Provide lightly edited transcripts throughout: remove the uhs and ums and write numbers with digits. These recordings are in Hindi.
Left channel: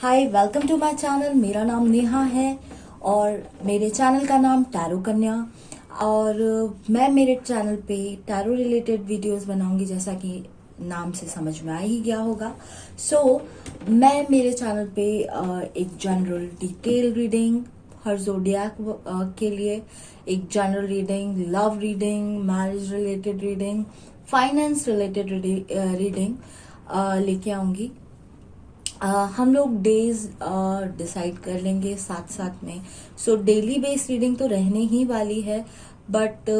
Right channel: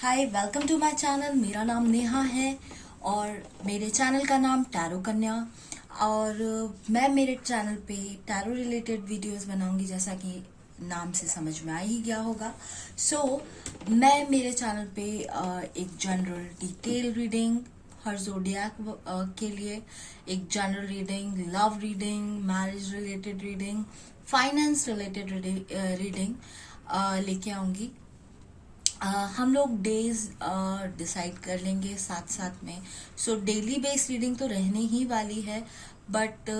Hi, welcome to my channel. मेरा नाम नेहा है और मेरे चैनल का नाम टैरो कन्या। और मैं मेरे चैनल पे टैरो रिलेटेड वीडियोस बनाऊंगी, जैसा कि नाम से समझ में आ ही गया होगा। मैं मेरे चैनल पे एक जनरल डिटेल रीडिंग हर जोडियाक के लिए, एक general reading, love reading, marriage related reading, finance related reading लेके आऊंगी। हम लोग डेज डिसाइड कर लेंगे साथ साथ में। डेली बेस रीडिंग तो रहने ही वाली है, बट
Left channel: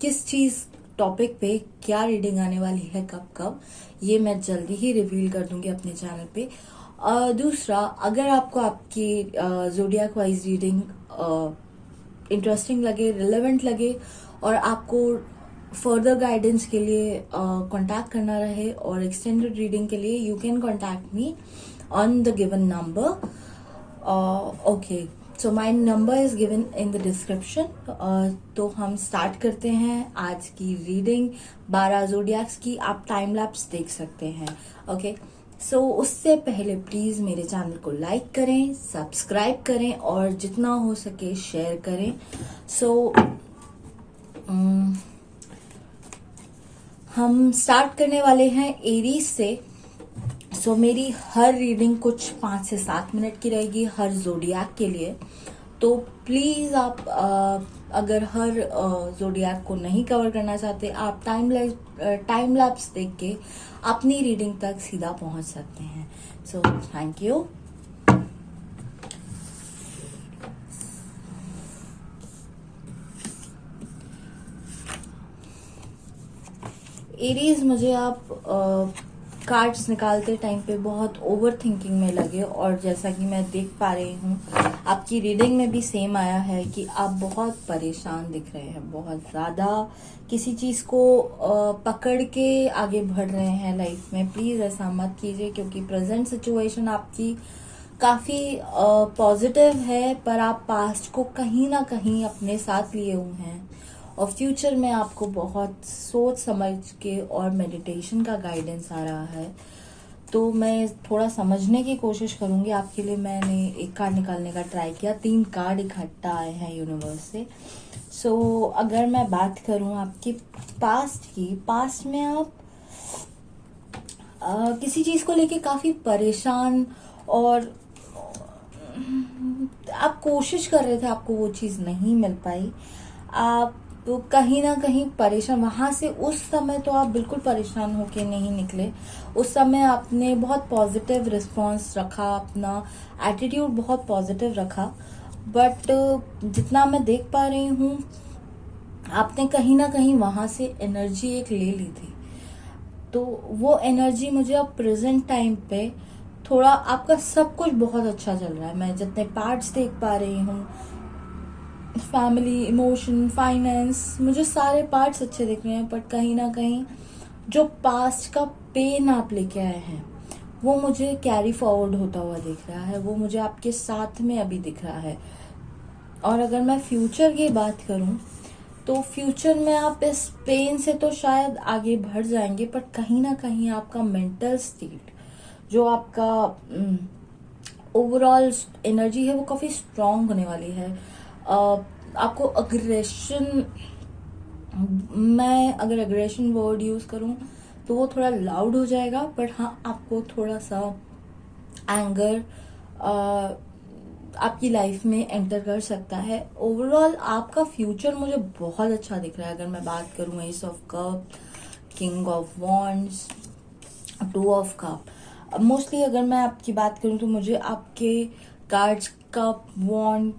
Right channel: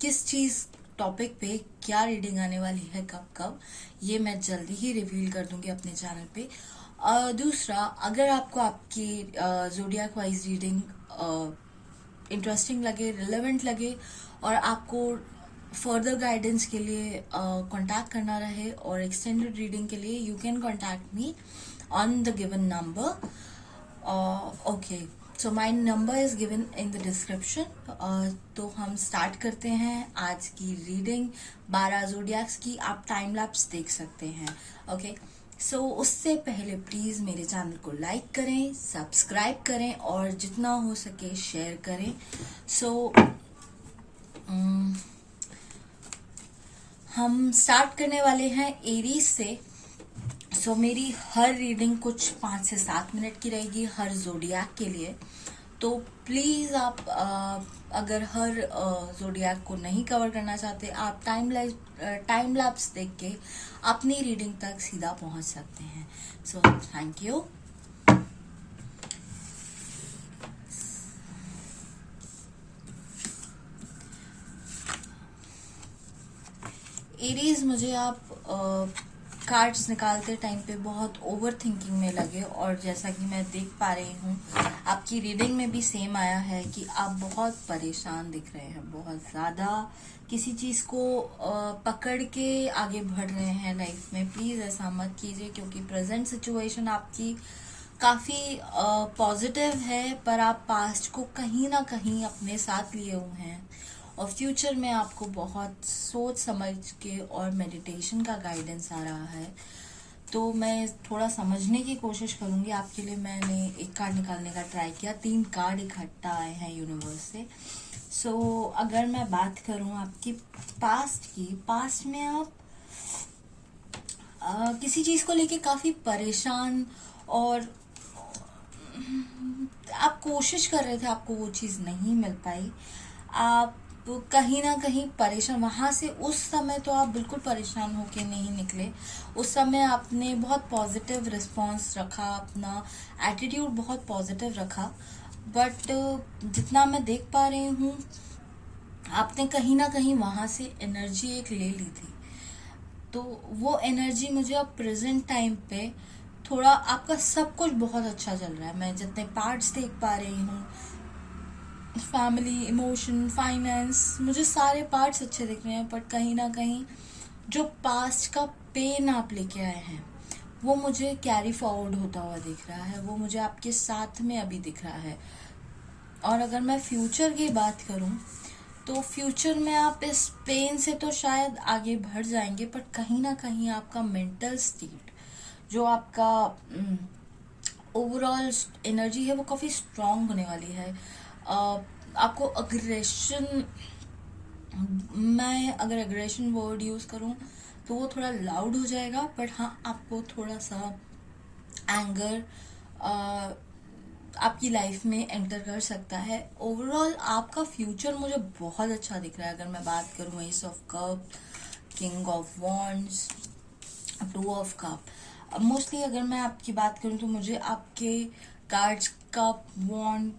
किस चीज टॉपिक पे क्या रीडिंग आने वाली है, कब कब, ये मैं जल्दी ही रिवील कर दूंगी अपने चैनल पे। दूसरा, अगर आपको आपकी जोडियाक वाइज रीडिंग इंटरेस्टिंग लगे, रिलेवेंट लगे और आपको फर्दर गाइडेंस के लिए कांटेक्ट करना रहे और एक्सटेंडेड रीडिंग के लिए, you can contact me on the given number. Okay, so my number is given in the description. तो हम स्टार्ट करते हैं आज की रीडिंग 12 जोडियाक्स की। आप टाइम लैप्स देख सकते हैं। ओके, सो उससे पहले प्लीज मेरे चैनल को लाइक करें, सब्सक्राइब करें और जितना हो सके शेयर करें। हम स्टार्ट करने वाले हैं एरीज से। मेरी हर रीडिंग कुछ 5 से 7 मिनट की रहेगी हर जोडियाक के लिए। तो प्लीज आप अगर हर जोडियाक को नहीं कवर करना चाहते, आप टाइम लैप्स देख के अपनी रीडिंग तक सीधा पहुंच सकते हैं। Thank you. एरीज, मुझे आप कार्ड्स निकालते टाइम पे बहुत ओवर थिंकिंग में लगे, और जैसा कि मैं देख पा रही हूँ आपकी रीडिंग में भी सेम आया है कि आप बहुत परेशान दिख रहे हैं, बहुत ज्यादा किसी चीज को पकड़ के आगे बढ़ रहे हैं लाइफ में। प्लीज ऐसा मत कीजिए, क्योंकि प्रेजेंट सिचुएशन आपकी काफी पॉजिटिव है, पर आप पास्ट को कहीं ना कहीं अपने साथ लिए हुए हैं और फ्यूचर में आपको बहुत सोच समझ के और मेडिटेशन का गाइडेंस आ रहा है। तो मैं थोड़ा समझने की कोशिश करूंगी आपके लिए। मैंने एक कार्ड निकालने का ट्राई किया, 3 कार्ड इकट्ठा आए हैं यूनिवर्स से। अगर मैं बात करूं आपकी पास्ट की, पास्ट में आप किसी चीज को लेके काफी परेशान और आप कोशिश कर रहे थे, आपको वो चीज नहीं मिल पाई, आप तो कहीं ना कहीं परेशान वहां से। उस समय तो आप बिल्कुल परेशान होके नहीं निकले। उस समय आपने बहुत पॉजिटिव रिस्पांस रखा, अपना एटीट्यूड बहुत पॉजिटिव रखा, बट जितना मैं देख पा रही हूँ आपने कहीं ना कहीं वहां से एनर्जी एक ले ली थी। तो वो एनर्जी मुझे अब प्रेजेंट टाइम पे थोड़ा, आपका सब कुछ बहुत अच्छा चल रहा है। मैं जितने पार्ट्स देख पा रही हूँ, फैमिली, इमोशन, फाइनेंस, मुझे सारे पार्ट्स अच्छे दिख रहे हैं, बट कहीं ना कहीं जो पास्ट का पेन आप लेके आए हैं वो मुझे कैरी फॉरवर्ड होता हुआ दिख रहा है, वो मुझे आपके साथ में अभी दिख रहा है। और अगर मैं फ्यूचर की बात करूं तो फ्यूचर में आप इस पेन से तो शायद आगे बढ़ जाएंगे, बट कहीं ना कहीं आपका मेंटल स्टेट, जो आपका ओवरऑल एनर्जी है, वो काफी स्ट्रांग होने वाली है। आपको अग्रेशन, मैं अगर अग्रेशन वर्ड यूज करूं तो वो थोड़ा लाउड हो जाएगा, बट हाँ, आपको थोड़ा सा एंगर आपकी लाइफ में एंटर कर सकता है। ओवरऑल आपका फ्यूचर मुझे बहुत अच्छा दिख रहा है। अगर मैं बात करूं S of cup, king of wands, 2 of cup, mostly अगर मैं आपकी बात करूं तो मुझे आपके कार्ड्स, कप, वॉन्ड,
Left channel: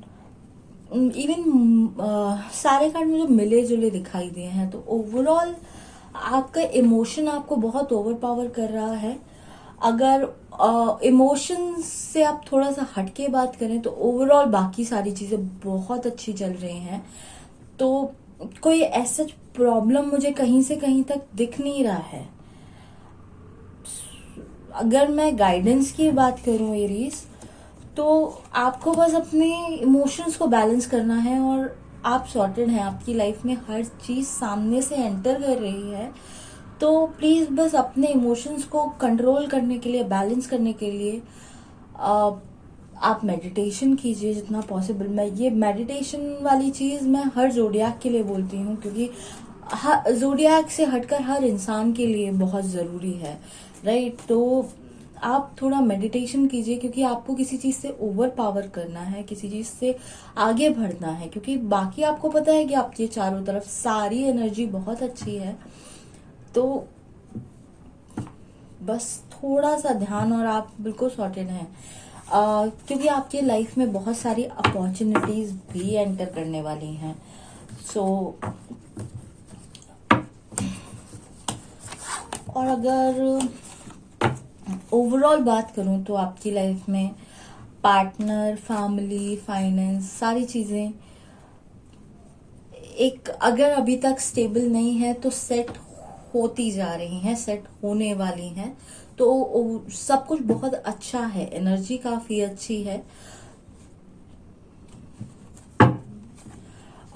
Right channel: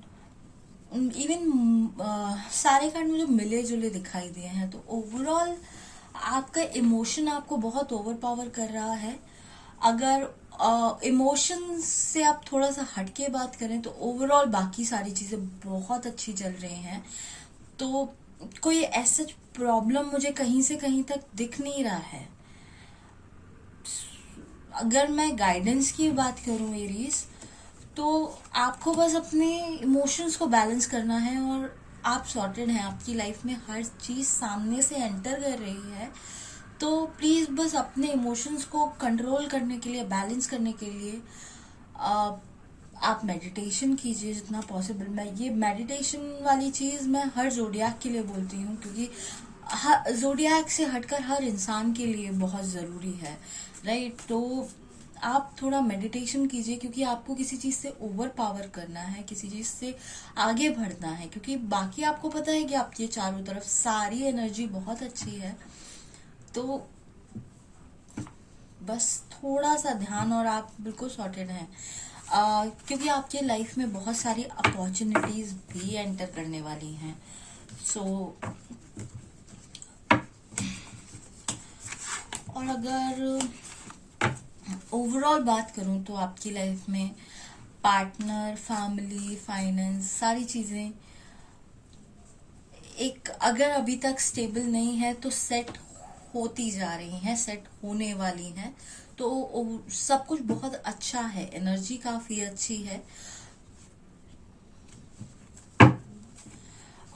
इवन सारे कार्ड मुझे मिले जुले दिखाई दिए हैं। तो ओवरऑल आपका इमोशन आपको बहुत ओवर पावर कर रहा है। अगर इमोशन से आप थोड़ा सा हटके बात करें तो ओवरऑल बाकी सारी चीजें बहुत अच्छी चल रही हैं। तो कोई ऐसा प्रॉब्लम मुझे कहीं से कहीं तक दिख नहीं रहा है। अगर मैं गाइडेंस की बात करूं एरीज, तो आपको बस अपने इमोशंस को बैलेंस करना है और आप सॉर्टेड हैं। आपकी लाइफ में हर चीज सामने से एंटर कर रही है, तो प्लीज बस अपने इमोशंस को कंट्रोल करने के लिए, बैलेंस करने के लिए आप मेडिटेशन कीजिए जितना पॉसिबल। मैं ये मेडिटेशन वाली चीज़ मैं हर जोडियाक के लिए बोलती हूँ, क्योंकि जोडियाक से हटकर हर इंसान के लिए बहुत ज़रूरी है, राइट। तो आप थोड़ा मेडिटेशन कीजिए, क्योंकि आपको किसी चीज़ से ओवर पावर करना है, किसी चीज़ से आगे बढ़ना है, क्योंकि बाकी आपको पता है कि आपके चारों तरफ सारी एनर्जी बहुत अच्छी है। तो बस थोड़ा सा ध्यान और आप बिल्कुल सॉर्टेड हैं। क्योंकि आपकी लाइफ में बहुत सारी अपॉर्चुनिटीज भी एंटर करने वाली हैं। सो और अगर ओवरऑल बात करूं तो आपकी लाइफ में पार्टनर, फैमिली, फाइनेंस, सारी चीजें एक अगर अभी तक स्टेबल नहीं है तो सेट होती जा रही हैं, सेट होने वाली हैं। तो सब कुछ बहुत अच्छा है, एनर्जी काफी अच्छी है।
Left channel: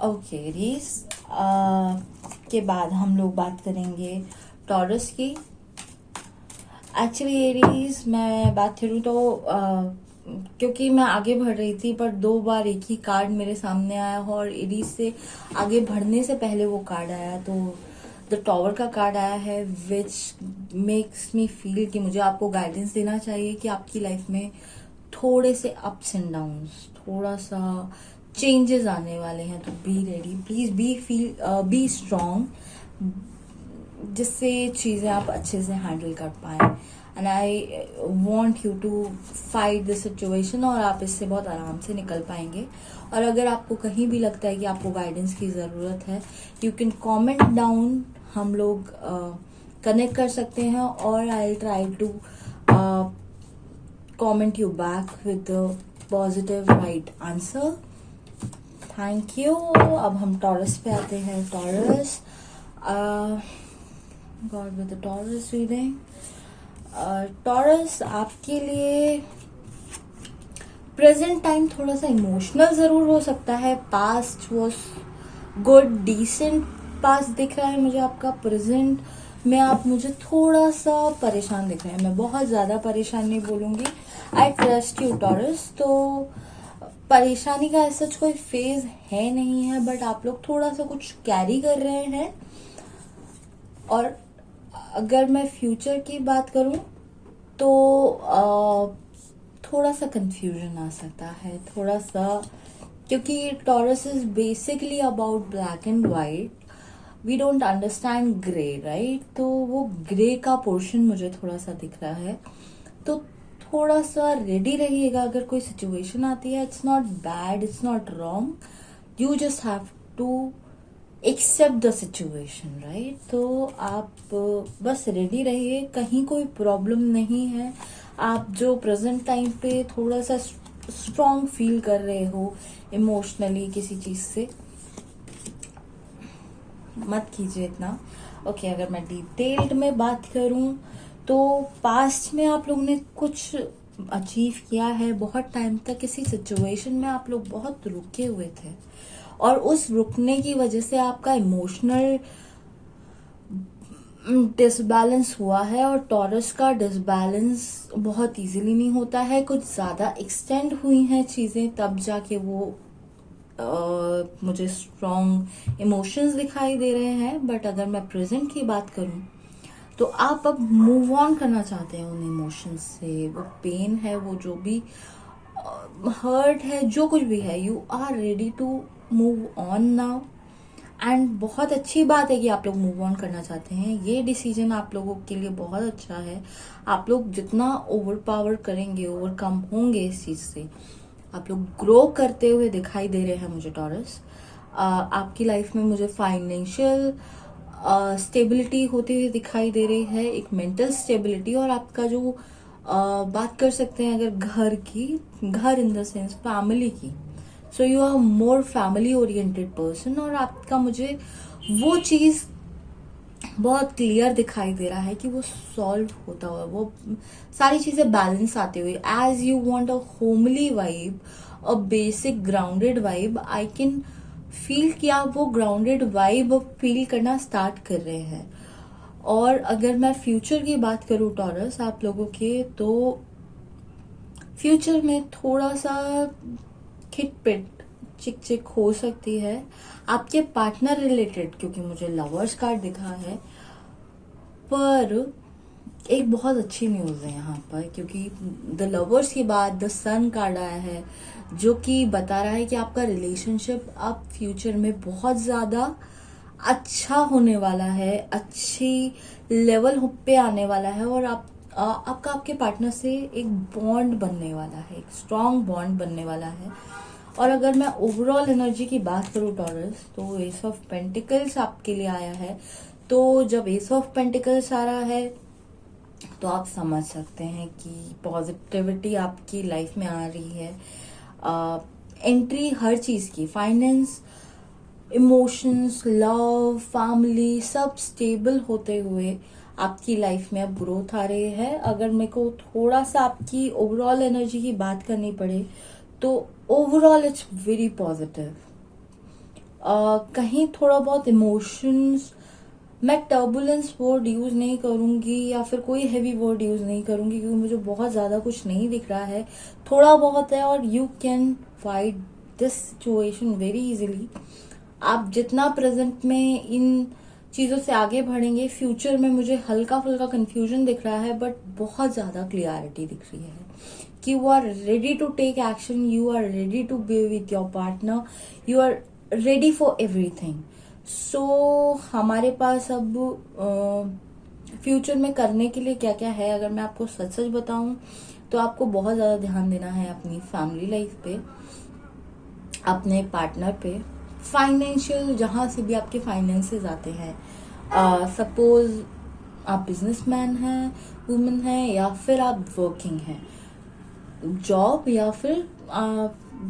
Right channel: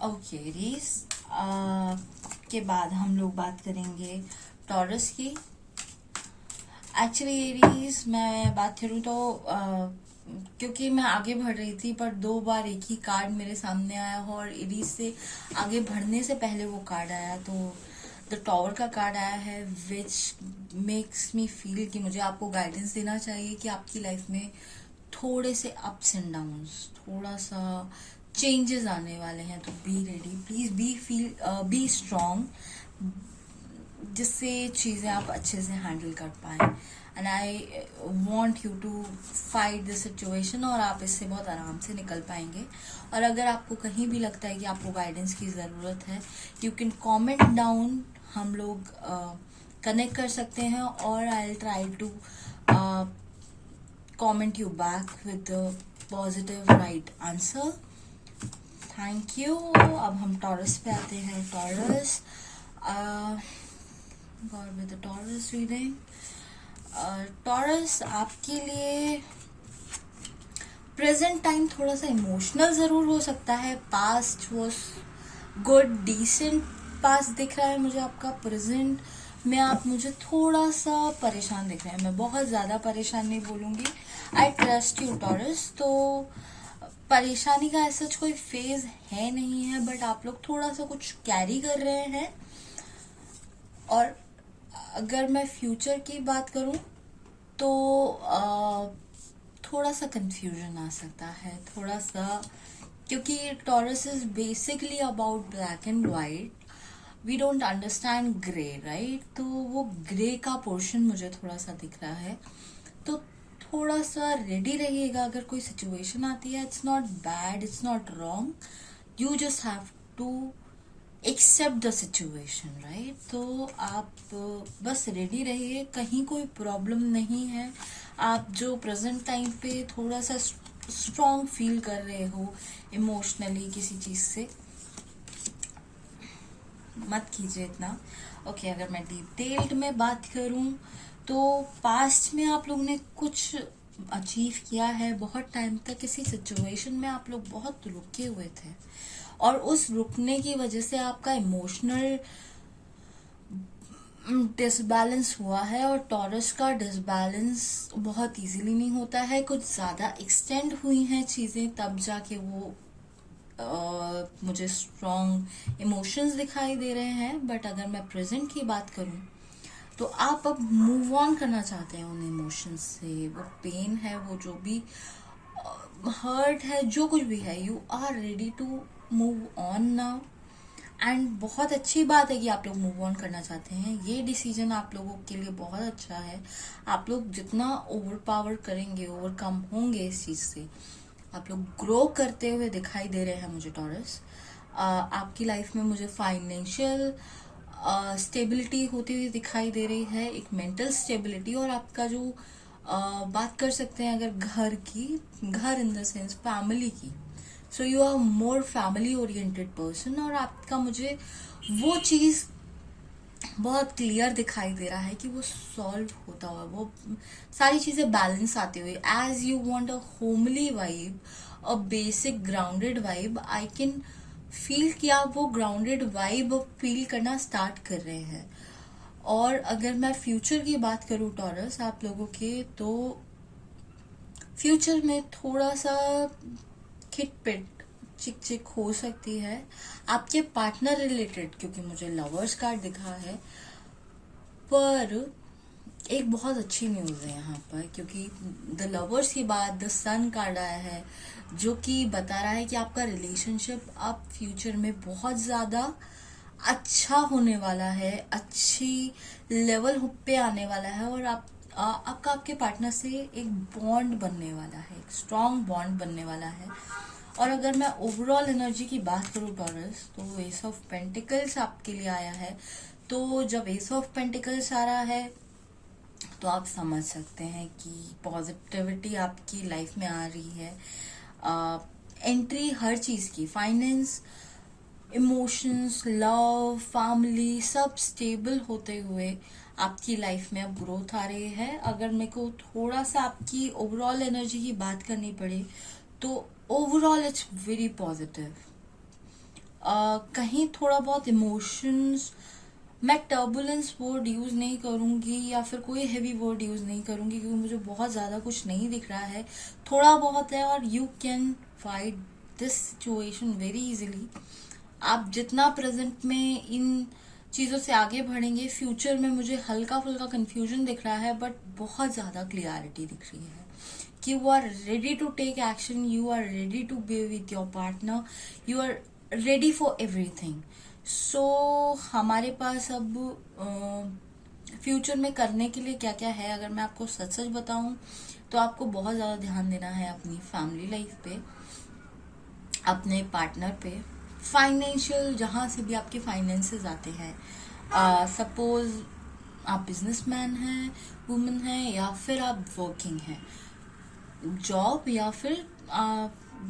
ओके एरीज, के बाद हम लोग बात करेंगे टॉरस की। एक्चुअली एरीज मैं बात करूँ तो क्योंकि मैं आगे बढ़ रही थी पर 2 बार एक ही कार्ड मेरे सामने आया और एरीज से आगे बढ़ने से पहले वो कार्ड आया, तो द टॉवर का कार्ड आया है, विच मेक्स मी फील कि मुझे आपको गाइडेंस देना चाहिए कि आपकी लाइफ में थोड़े से अप्स एंड डाउन्स, थोड़ा सा चेंजेस आने वाले हैं। तो be ready, please be strong, जिससे चीजें आप अच्छे से हैंडल कर पाए। And I want you to fight this situation, और आप इससे बहुत आराम से निकल पाएंगे। और अगर आपको कहीं भी लगता है कि आपको गाइडेंस की ज़रूरत है, यू कैन कॉमेंट डाउन, हम लोग कनेक्ट कर सकते हैं, और I will try to comment you back with positive right answer. Thank you. अब हम टॉरस पे आते हैं। Taurus, god with the Taurus reading. Taurus, आपके लिए प्रेजेंट टाइम थोड़ा सा इमोशनल जरूर हो सकता है। Past was good, decent past दिख रहा है मुझे आपका। प्रेजेंट में आप मुझे थोड़ा सा परेशान दिख रहे हैं। मैं बहुत ज्यादा परेशान नहीं बोलूंगी। I trust you taurus. तो परेशानी का ऐसा कोई फेज है नहीं है, बट आप लोग थोड़ा सा कुछ कैरी कर रहे हैं। और अगर मैं फ्यूचर की बात करूं तो थोड़ा सा कंफ्यूजन आ सकता है, थोड़ा सा, क्योंकि Taurus is basically about black and white. We don't understand grey, right. तो वो ग्रे का पोर्शन मुझे थोड़ा सा दिख रहा है। तो थोड़ा सा रेडी रहिएगा अगर कोई सिचुएशन आती है। It's not bad, it's not wrong, you just have to accept the situation, right. तो आप बस रेडी रहिए, कहीं कोई प्रॉब्लम नहीं है। आप जो प्रेजेंट टाइम पे थोड़ा सा स्ट्रांग फील कर रहे हो इमोशनली किसी चीज से, मत कीजिए इतना। ओके, अगर मैं डिटेल्ड में बात करूं तो पास्ट में आप लोगों ने कुछ अचीव किया है। बहुत टाइम तक किसी सिचुएशन में आप लोग बहुत रुके हुए थे, और उस रुकने की वजह से आपका इमोशनल डिसबैलेंस हुआ है। और टॉरस का डिसबैलेंस बहुत इजीली नहीं होता है, कुछ ज्यादा एक्सटेंड हुई हैं चीजें, तब जाके वो मुझे स्ट्रॉन्ग इमोशंस दिखाई दे रहे हैं। बट अगर मैं प्रेजेंट की बात करूं तो आप अब मूव ऑन करना चाहते हैं उन इमोशंस से। वो पेन है, वो जो भी हर्ट है, जो कुछ भी है, you are ready to move on now. And बहुत अच्छी बात है कि आप लोग मूव ऑन करना चाहते हैं। ये डिसीजन आप लोगों के लिए बहुत अच्छा है। आप लोग जितना ओवर पावर करेंगे, ओवरकम होंगे इस चीज से, आप लोग ग्रो करते हुए दिखाई दे रहे हैं मुझे टॉरस। आपकी लाइफ में मुझे फाइनेंशियल स्टेबिलिटी होती हुई दिखाई दे रही है, एक मेंटल स्टेबिलिटी। और आपका जो बात कर सकते हैं अगर घर की, घर इन द सेंस फैमिली की, so you are more family oriented person. और आपका मुझे वो चीज बहुत क्लियर दिखाई दे रहा है कि वो सॉल्व होता हुआ, वो सारी चीजें बैलेंस आते हुए, as you want a homely vibe, a basic grounded vibe, I can feel कि आप वो ग्राउंडेड वाइब फील करना स्टार्ट कर रहे हैं। और अगर मैं फ्यूचर की बात करूं टॉरस आप लोगों के, तो फ्यूचर में थोड़ा सा खिटपिट चिक चिक हो सकती है आपके पार्टनर रिलेटेड, क्योंकि मुझे लवर्स कार्ड दिखा है। पर एक बहुत अच्छी न्यूज है यहाँ पर, क्योंकि द लवर्स के बाद द सन कार्ड आया है, जो कि बता रहा है कि आपका रिलेशनशिप अब फ्यूचर में बहुत ज्यादा अच्छा होने वाला है, अच्छी लेवल पे आने वाला है, और आपका आपके पार्टनर से एक बॉन्ड बनने वाला है, एक स्ट्रॉन्ग बॉन्ड बनने वाला है। और अगर मैं ओवरऑल एनर्जी की बात करूं टॉरस, तो एस ऑफ पेंटिकल्स आपके लिए आया है। तो जब एस ऑफ पेंटिकल्स आ रहा है तो आप समझ सकते हैं कि पॉजिटिविटी आपकी लाइफ में आ रही है। एंट्री हर चीज की, फाइनेंस, इमोशंस, लव, फैमिली, सब स्टेबल होते हुए आपकी लाइफ में अब ग्रोथ आ रही है। अगर मेरे को थोड़ा सा आपकी ओवरऑल एनर्जी की बात करनी पड़े तो ओवरऑल इट्स वेरी पॉजिटिव। कहीं थोड़ा बहुत इमोशंस, मैं टर्बुलेंस वर्ड यूज नहीं करूंगी या फिर कोई हैवी वर्ड यूज नहीं करूंगी, क्योंकि मुझे बहुत ज्यादा कुछ नहीं दिख रहा है, थोड़ा बहुत है। और you can fight this situation very easily. आप जितना प्रेजेंट में इन चीजों से आगे बढ़ेंगे, फ्यूचर में मुझे हल्का फुल्का कंफ्यूजन दिख रहा है, बट बहुत ज्यादा क्लियरिटी दिख रही है कि you are ready to take action, you are ready to be with your partner, you are ready for everything. So हमारे पास अब फ्यूचर में करने के लिए क्या क्या है, अगर मैं आपको सच सच बताऊं तो आपको बहुत ज्यादा ध्यान देना है अपनी फैमिली लाइफ पे, अपने पार्टनर पे, फाइनेंशियल, जहां से भी आपके फाइनेंसेस आते हैं। सपोज आप बिजनेसमैन हैं, वुमेन हैं, या फिर आप वर्किंग हैं, जॉब या फिर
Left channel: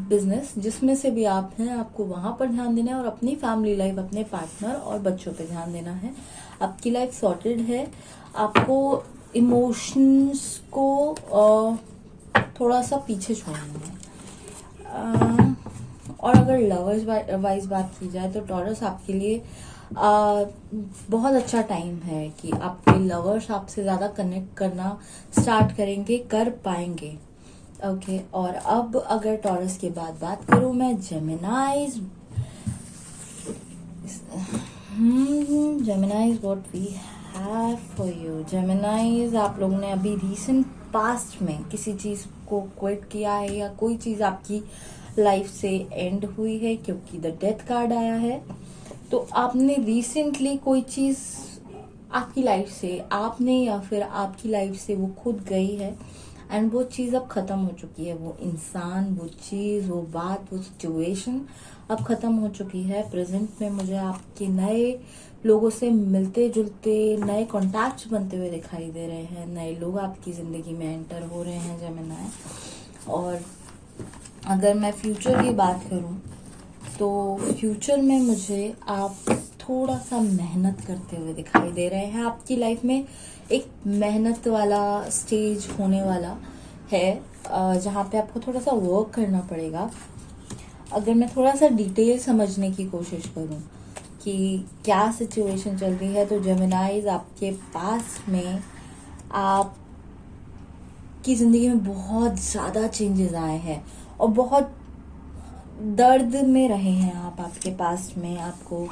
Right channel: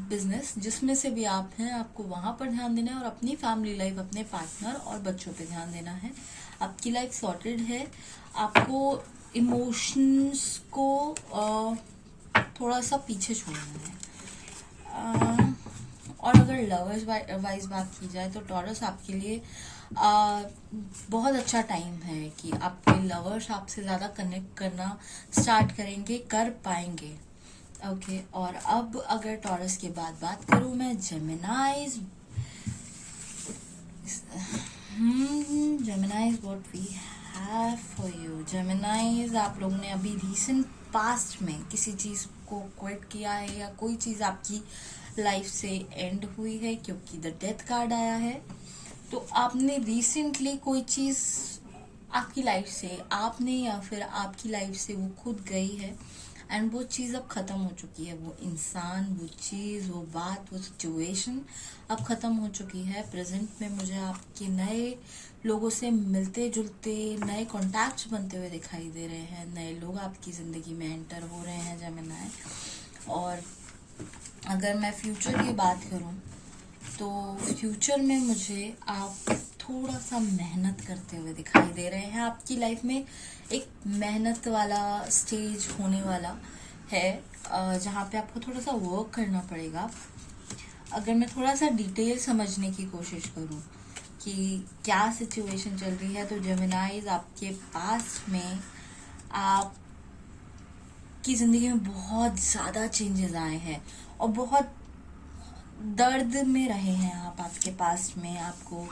बिजनेस, जिसमें से भी आप हैं, आपको वहां पर ध्यान देना है। और अपनी फैमिली लाइफ, अपने पार्टनर और बच्चों पे ध्यान देना है। आपकी लाइफ सॉर्टेड है। आपको इमोशंस को थोड़ा सा पीछे छोड़ना है। और अगर लवर्स वाइज बात की जाए तो टॉरस आपके लिए बहुत अच्छा टाइम है कि आपके लवर्स आपसे ज्यादा कनेक्ट करना स्टार्ट करेंगे, कर पाएंगे। ओके और अब अगर टॉरस के बाद बात करूं मैं Geminis, Geminis what we have for you. Geminis, आप लोगों ने अभी रिसेंट पास्ट में किसी चीज को क्विट किया है, या कोई चीज आपकी लाइफ से एंड हुई है, क्योंकि द डेथ कार्ड आया है। तो आपने रिसेंटली कोई चीज आपकी लाइफ से, आपने या फिर आपकी लाइफ से वो खुद गई है, एंड वो चीज अब खत्म हो चुकी है। वो इंसान, वो चीज, वो बात, वो सिचुएशन अब खत्म हो चुकी है। प्रेजेंट में मुझे आपके नए लोगों से मिलते जुलते नए कॉन्टैक्ट्स बनते हुए दिखाई दे रहे हैं, नए लोग आपकी जिंदगी में एंटर हो रहे हैं जेमिनाई। और अगर मैं फ्यूचर की बात करूं तो फ्यूचर में मुझे आप थोड़ा सा मेहनत करते हुए दिखाई दे रहे हैं। आपकी लाइफ में एक मेहनत वाला स्टेज होने वाला है, जहाँ पे आपको थोड़ा सा वर्क करना पड़ेगा। अगर मैं थोड़ा सा डिटेल समझने की कोशिश करूं कि क्या सिचुएशन चल रही है, तो जेमिनाइज आपके पास में आपकी जिंदगी में बहुत ज्यादा चेंजेस आए हैं और बहुत दर्द में रहे हैं आप। आपके पास में आपको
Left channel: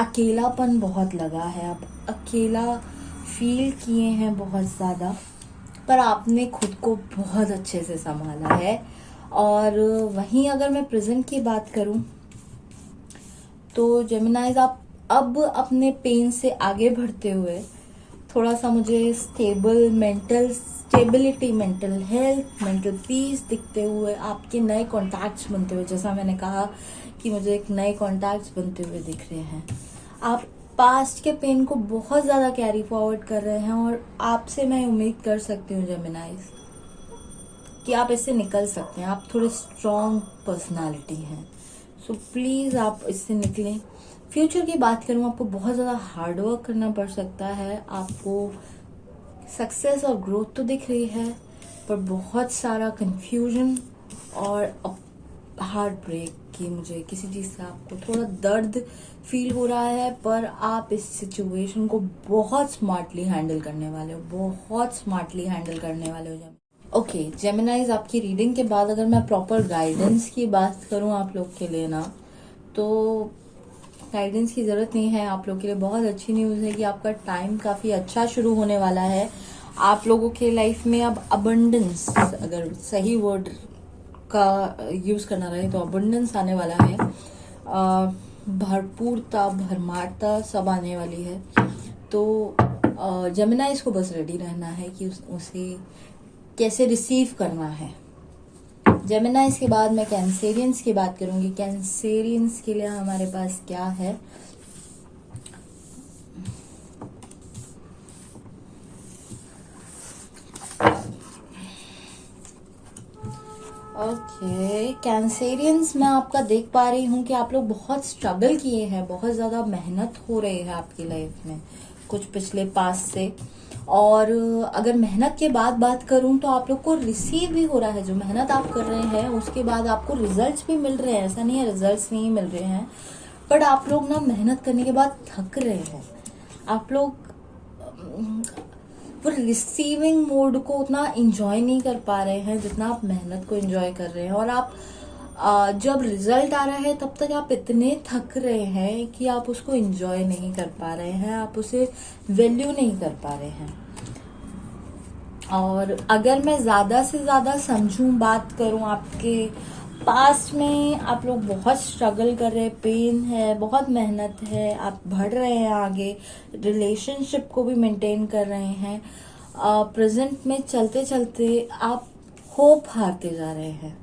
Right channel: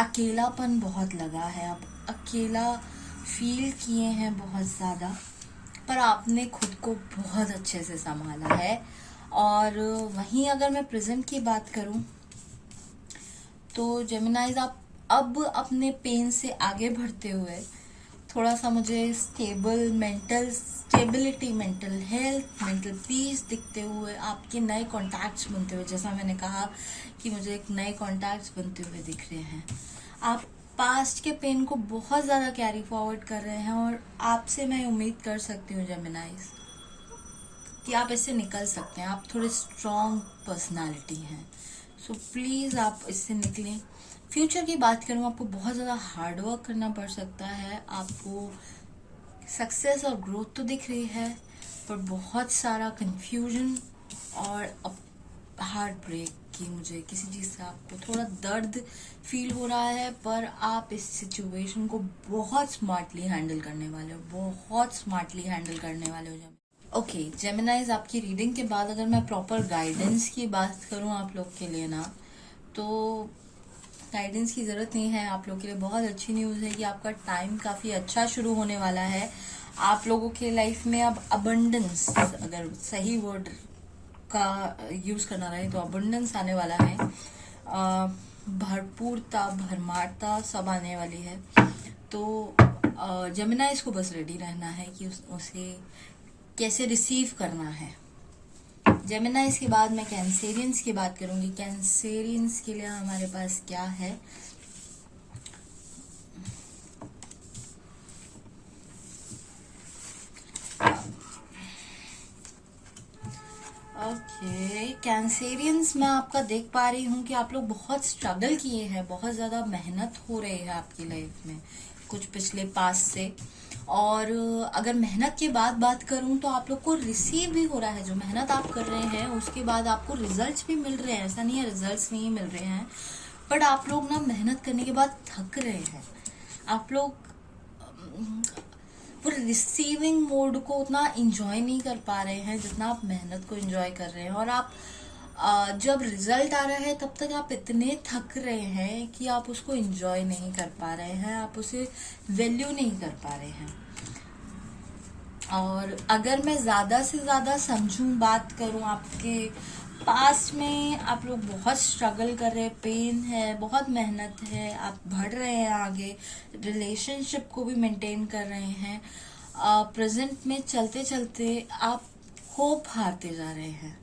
अकेलापन बहुत लगा है, आप अकेला फील किए हैं बहुत ज्यादा, पर आपने खुद को बहुत अच्छे से संभाला है। और वहीं अगर मैं प्रेजेंट की बात करूं तो जेमिनाइज, आप अब अपने पेन से आगे बढ़ते हुए थोड़ा सा मुझे stable mental stability, mental health, mental peace दिखते हुए, आपके नए कॉन्टैक्ट्स बनते हुए, जैसा मैंने कहा कि मुझे एक नए कॉन्टैक्ट्स बनते हुए दिख रहे हैं। आप पास्ट के पेन को बहुत ज्यादा कैरी फॉरवर्ड कर रहे हैं, और आपसे मैं उम्मीद कर सकती हूँ जेमिनाइज कि आप इससे निकल सकते हैं। आप थोड़े स्ट्रॉन्ग पर्सनालिटी हैं, सो प्लीज आप इससे निकलें। फ्यूचर की बात करूं, आपको बहुत ज्यादा हार्डवर्क करना पड़ सकता है। आपको सक्सेस और ग्रोथ तो दिख रही है, पर बहुत सारा कंफ्यूजन और हार्ट ब्रेक की, मुझे किसी चीज से आपको थोड़ा दर्द फील हो रहा है, पर आप इस सिचुएशन को बहुत स्मार्टली हैंडल करने वाले हो, बहुत स्मार्टली हैंडल करने वाले हो। ओके जेमिनाइज, आपकी रीडिंग के बाद अगर मैं प्रॉपर गाइडेंस की बात करूं आप लोग के लिए ना, तो गाइडेंस की जरूरत नहीं है। आप लोग के लिए बहुत अच्छी न्यूज है कि आपका टाइम काफी अच्छा शुरू होने वाला है। आप लोगों के लाइफ में अब अबंडेंस, अगर सही वर्ड का यूज करना रहे तो अबंडेंस आने वाला है। भरपूरता, भरमारता सब आने वाली है। तो जेमिनाइज को बस रेडी रहना है कि उसे कैसे रिसीव करना है। जेमिनाइज के बाद मैं कैंसेरियंस की बात करूंगी। कैंसेरियंस के लिए हमारे पास क्या है? ओके कैंसेरियंस, मैं आपका देख पा रही हूँ कि आप लोग बहुत स्ट्रगल किए हैं, बहुत ज्यादा मेहनत हो रही है आपकी लाइफ में कुछ पिछले पास से। और अगर मेहनत के बाद बात करूं तो आप लोग को रिसीव भी हो रहा है। जो मेहनत आप कर रहे हैं उसके बाद आपको रिजल्ट्स भी मिल रहे हैं। ऐसा नहीं है रिजल्ट्स नहीं मिल रहे हैं, बट आप लोग ना मेहनत करने के बाद थक रहे हैं। आप लोग वो रिसीविंग मोड को उतना इंजॉय नहीं कर पा रहे हैं जितना आप मेहनत को इंजॉय कर रहे हैं। और आप जब रिजल्ट आ रहा है तब तक आप इतने थक रहे हैं कि आप उसको एंजॉय नहीं कर पा रहे हैं, आप उसे वैल्यू नहीं कर पा रहे हैं। और अगर मैं ज्यादा से ज्यादा समझूं, बात करूं, आपके पास्ट में आप लोग बहुत स्ट्रगल कर रहे हैं, पेन है, बहुत मेहनत है, आप बढ़ रहे हैं आगे, रिलेशनशिप को भी मेंटेन कर रहे हैं। प्रेजेंट में चलते चलते आप होप हारते जा रहे हैं।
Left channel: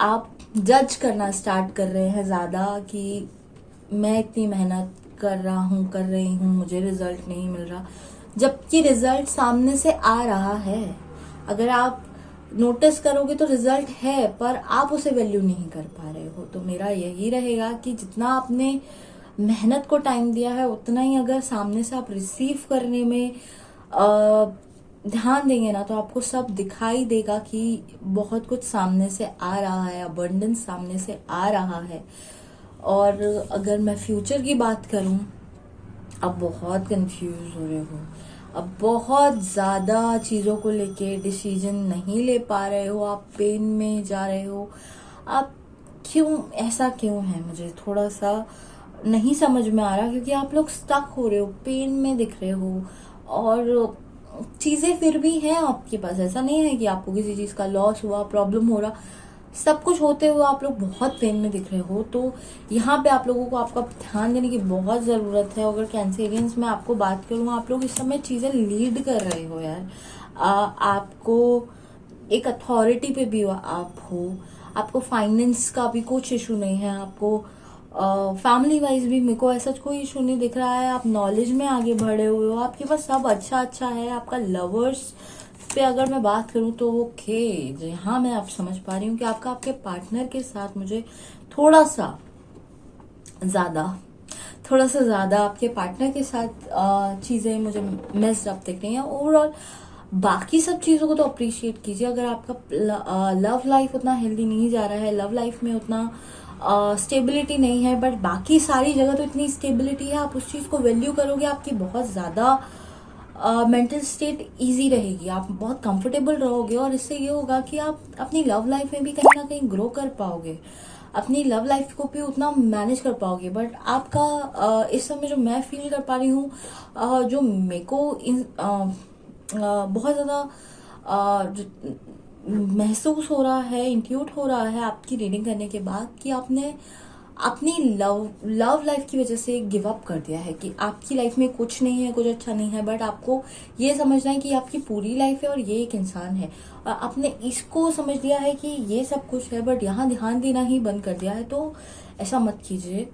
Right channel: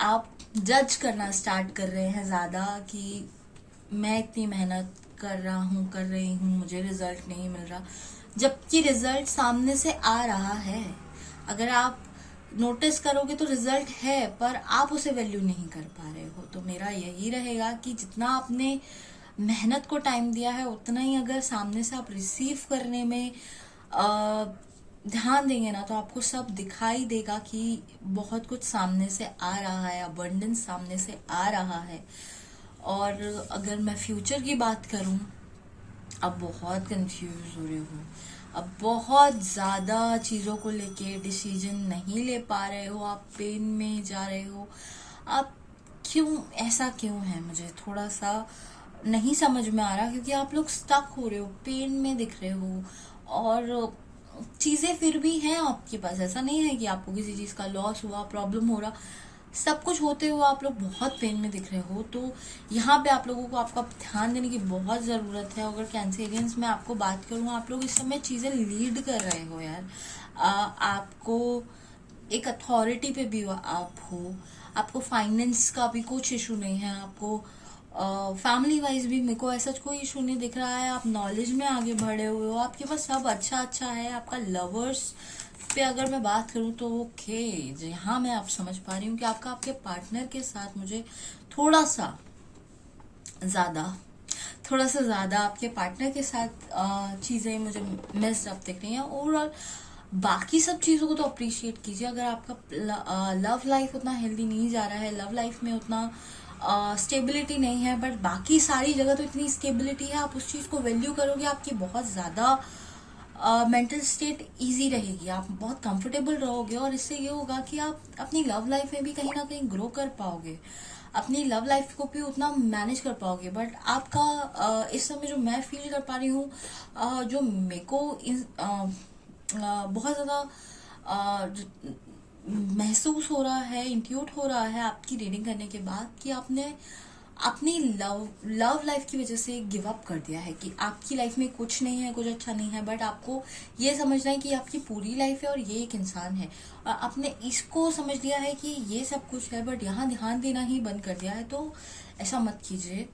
आप जज करना स्टार्ट कर रहे हैं ज्यादा कि मैं इतनी मेहनत कर रही हूँ, मुझे रिजल्ट नहीं मिल रहा, जबकि रिजल्ट सामने से आ रहा है। अगर आप नोटिस करोगे तो रिजल्ट है, पर आप उसे वैल्यू नहीं कर पा रहे हो। तो मेरा यही रहेगा कि जितना आपने मेहनत को टाइम दिया है उतना ही अगर सामने से आप रिसीव करने में ध्यान देंगे ना, तो आपको सब दिखाई देगा कि बहुत कुछ सामने से आ रहा है, अबंडेंस सामने से आ रहा है। और अगर मैं फ्यूचर की बात करूं, अब बहुत कंफ्यूज हो रहे हो, अब बहुत ज्यादा चीजों को लेके डिसीजन नहीं ले पा रहे हो, आप पेन में जा रहे हो। आप क्यों, ऐसा क्यों है मुझे थोड़ा सा नहीं समझ में आ रहा, क्योंकि आप लोग स्टक हो रहे हो, पेन में दिख रहे हो। और चीजें फिर भी हैं आपके पास, ऐसा नहीं है कि आपको किसी चीज का लॉस हुआ, प्रॉब्लम हो रहा, सब कुछ होते हुए आप लोग बहुत पेन में दिख रहे हो। तो यहाँ पे आप लोगों को आपका ध्यान देने की बहुत जरूरत है। अगर कैंसेरियंस में आपको बात करूँ, आप लोग इस समय चीजें लीड कर रहे हो यार। आपको एक अथॉरिटी पे भी आप हो, आपको फाइनेंस का भी कुछ इशू नहीं है, आपको फैमिली वाइज भी मेरे को ऐसा कोई इशू नहीं दिख रहा है। आप नॉलेज में आगे बढ़े हुए हो, आपके पास सब अच्छा अच्छा है। आपका लवर्स पे अगर मैं बात करूं तो ओके, यहाँ मैं आप समझ पा रही हूँ कि आपके पार्टनर के साथ मुझे थोड़ा सा ज्यादा आपके पार्टनर के साथ चीजें मुझे मिस अप दिख रही हैं। ओवरऑल बाकी सब चीजों को तो अप्रिशिएट कीजिए। अगर आपका लव लाइफ उतना हेल्दी नहीं जा रहा है, लव लाइफ में उतना स्टेबिलिटी नहीं है, बट बाकी सारी जगह तो इतनी स्टेबिलिटी है, आप उस चीज को वैल्यू करोगे, आपकी बहुत ज्यादा मेंटल स्टेट इजी रहेगी, आप बहुत कंफर्टेबल रहोगे। और इससे ये होगा कि आप अपनी लव लाइफ में भी कहीं ना कहीं ग्रो कर पाओगे, अपनी लव लाइफ को भी उतना मैनेज कर पाओगे। बट आपका इस समय जो मैं फील कर पा रही हूँ, जो मेरे को बहुत ज्यादा महसूस हो रहा है, इंट्यूट हो रहा है आपकी रीडिंग करने के बाद, कि आपने अपनी लव लाइफ की वजह से गिव अप कर दिया है, कि आपकी लाइफ में कुछ नहीं है, कुछ अच्छा नहीं है, बट आपको ये समझना है कि आपकी पूरी लाइफ है और ये एक इंसान है। और आपने इसको समझ लिया है कि ये सब कुछ है, बट यहाँ ध्यान देना ही बंद कर दिया है। तो ऐसा मत कीजिए,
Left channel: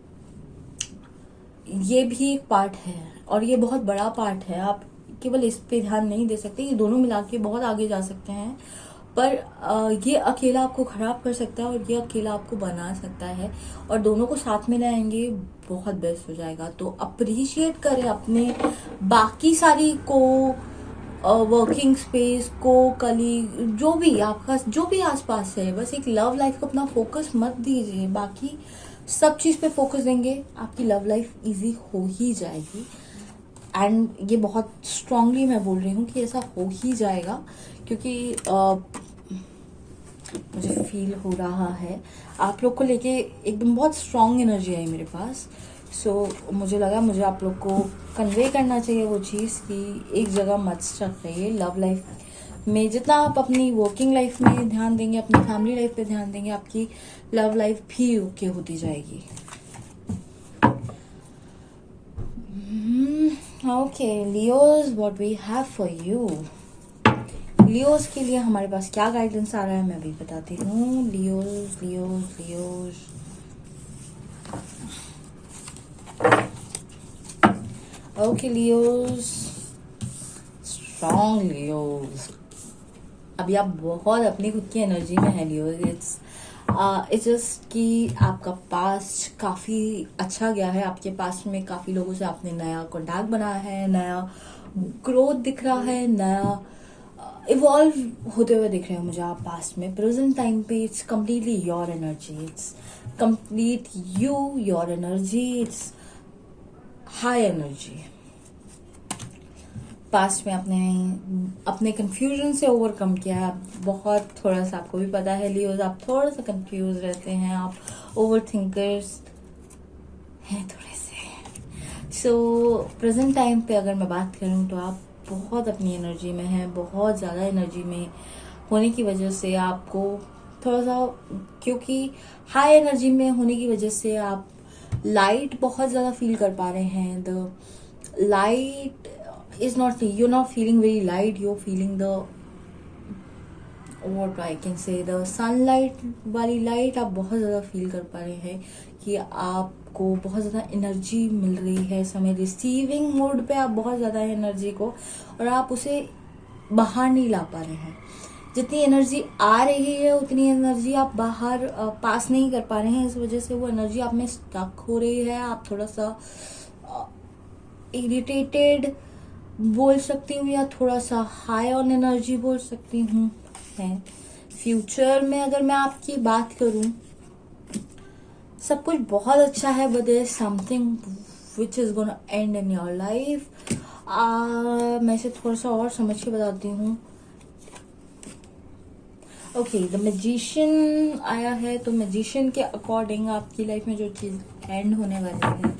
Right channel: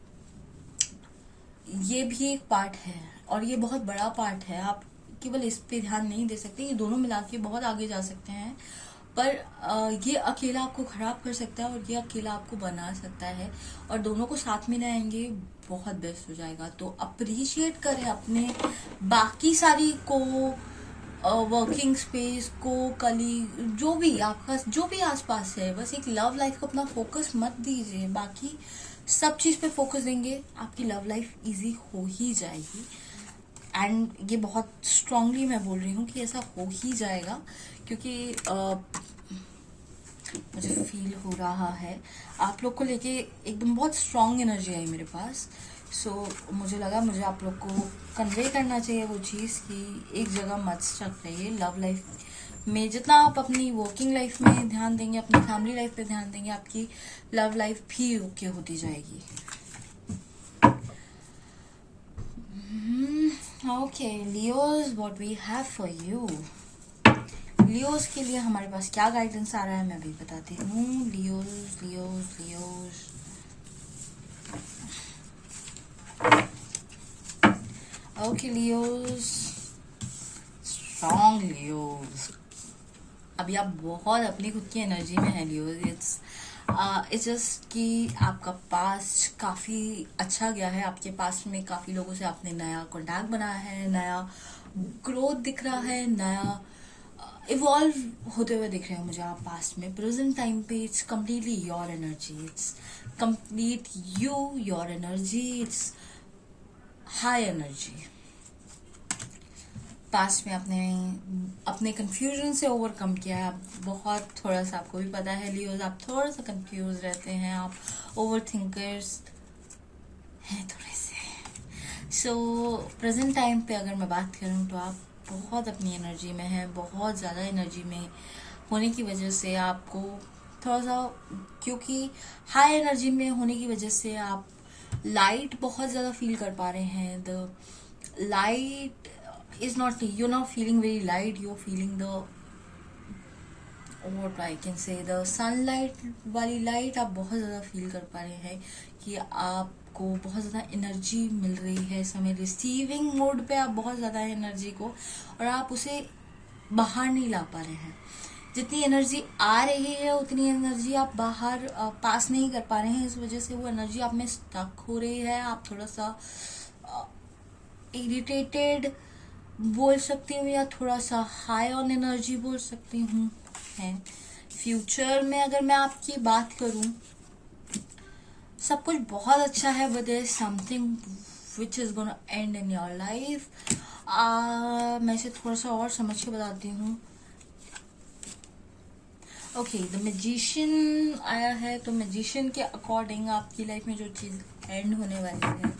ये भी एक पार्ट है और ये बहुत बड़ा पार्ट है। आप केवल इस पे ध्यान नहीं दे सकते, ये दोनों मिला के बहुत आगे जा सकते हैं, पर ये अकेला आपको खराब कर सकता है और ये अकेला आपको बना सकता है। और दोनों को साथ में लाएंगे बहुत बेस्ट हो जाएगा। तो अप्रिशिएट करें अपने बाकी सारी को वर्किंग स्पेस को, कलीग, जो भी आपका जो भी आसपास है, बस एक लव लाइफ को अपना फोकस मत दीजिए। बाकी सब चीज पे फोकस देंगे, आपकी लव लाइफ इजी हो ही जाएगी। एंड ये बहुत स्ट्रांगली मैं बोल रही हूँ कि ऐसा हो ही जाएगा, क्योंकि मुझे फील हो रहा है आप लोग को लेके एकदम बहुत स्ट्रांग एनर्जी है मेरे पास। सो मुझे लगा मुझे आप लोग को कन्वे करना चाहिए वो चीज़ कि एक जगह मत स्टक रहिए। लव लाइफ में जितना आप अपनी वर्किंग लाइफ में ध्यान देंगे, अपनी फैमिली लाइफ पे ध्यान देंगे, आपकी लव लाइफ भी ओके होती जाएगी। Okay Leos, what we have for you. Leos के लिए हमारे पास क्या गाइडेंस आ रहा है मैं अभी बताती हूँ। Leos Leos Leos, okay Leos, strong Leos. अभी आप बहुत अपनी खुद की एनर्जी में है लियोज। इट्स जस्ट कि आपका पास्ट काफी अच्छा गया है, आपके पास में काफी लोगों से आपने नया कॉन्टैक्ट बनाया है, नया ग्रोथ दिख रहा है, नया इवॉल्व होते हुए दिख रहे हो मुझे आप पास्ट में। प्रेजेंट टाइम पे it's completely your energy, it's complete you, your energy, it's high energy. Past में आपने अपने कंफ्यूजन से ओवरकम किया है। आप बहुत थोड़ा सा, आपको भी पता है लियोज, आप थोड़ा सा कंफ्यूज रहते हैं, आप ओवर थिंकर्स हैं थोड़े से। सो प्रेजेंट टाइम पे अगर मैं बात करूं तो आप बहुत अपनी एनर्जी में हैं, बहुत ज़्यादा एनर्जी में होने की वजह से आपको थोड़ा सा, क्योंकि हाई एनर्जी में होने की वजह से आप लाइट बहुत ज़्यादा फील कर पा रहे हैं। The light is not, you're not feeling very light, you're feeling the, what I can say, the sunlight वाली लाइट आप बहुत ज़्यादा फील कर पा रहे हैं कि आपको बहुत ज़्यादा एनर्जी मिल रही है इस समय। रिसीविंग मोड पे आप बहुत ज़्यादा एनर्जी को, और आप उसे बाहर नहीं ला पा रहे हैं। जितनी एनर्जी आ रही है उतनी एनर्जी आप बाहर पास नहीं कर पा रहे हैं, इस वजह से वो एनर्जी आप में स्टक हो रही है। आप थोड़ा सा इरिटेटेड बोल सकती हूँ, या थोड़ा सा हाई ऑन एनर्जी बोल सकती हूँ। फ्यूचर में अगर मैं आपकी बात करूँ, सब कुछ बहुत अच्छा है, but there is something which is gonna end in your life. मैं इसे थोड़ा सा और समझ के बताती हूँ। ओके, द मैजिशियन आया है, तो मैजिशियन के अकॉर्डिंग आपकी लाइफ में जो चीज एंड होने वाली है,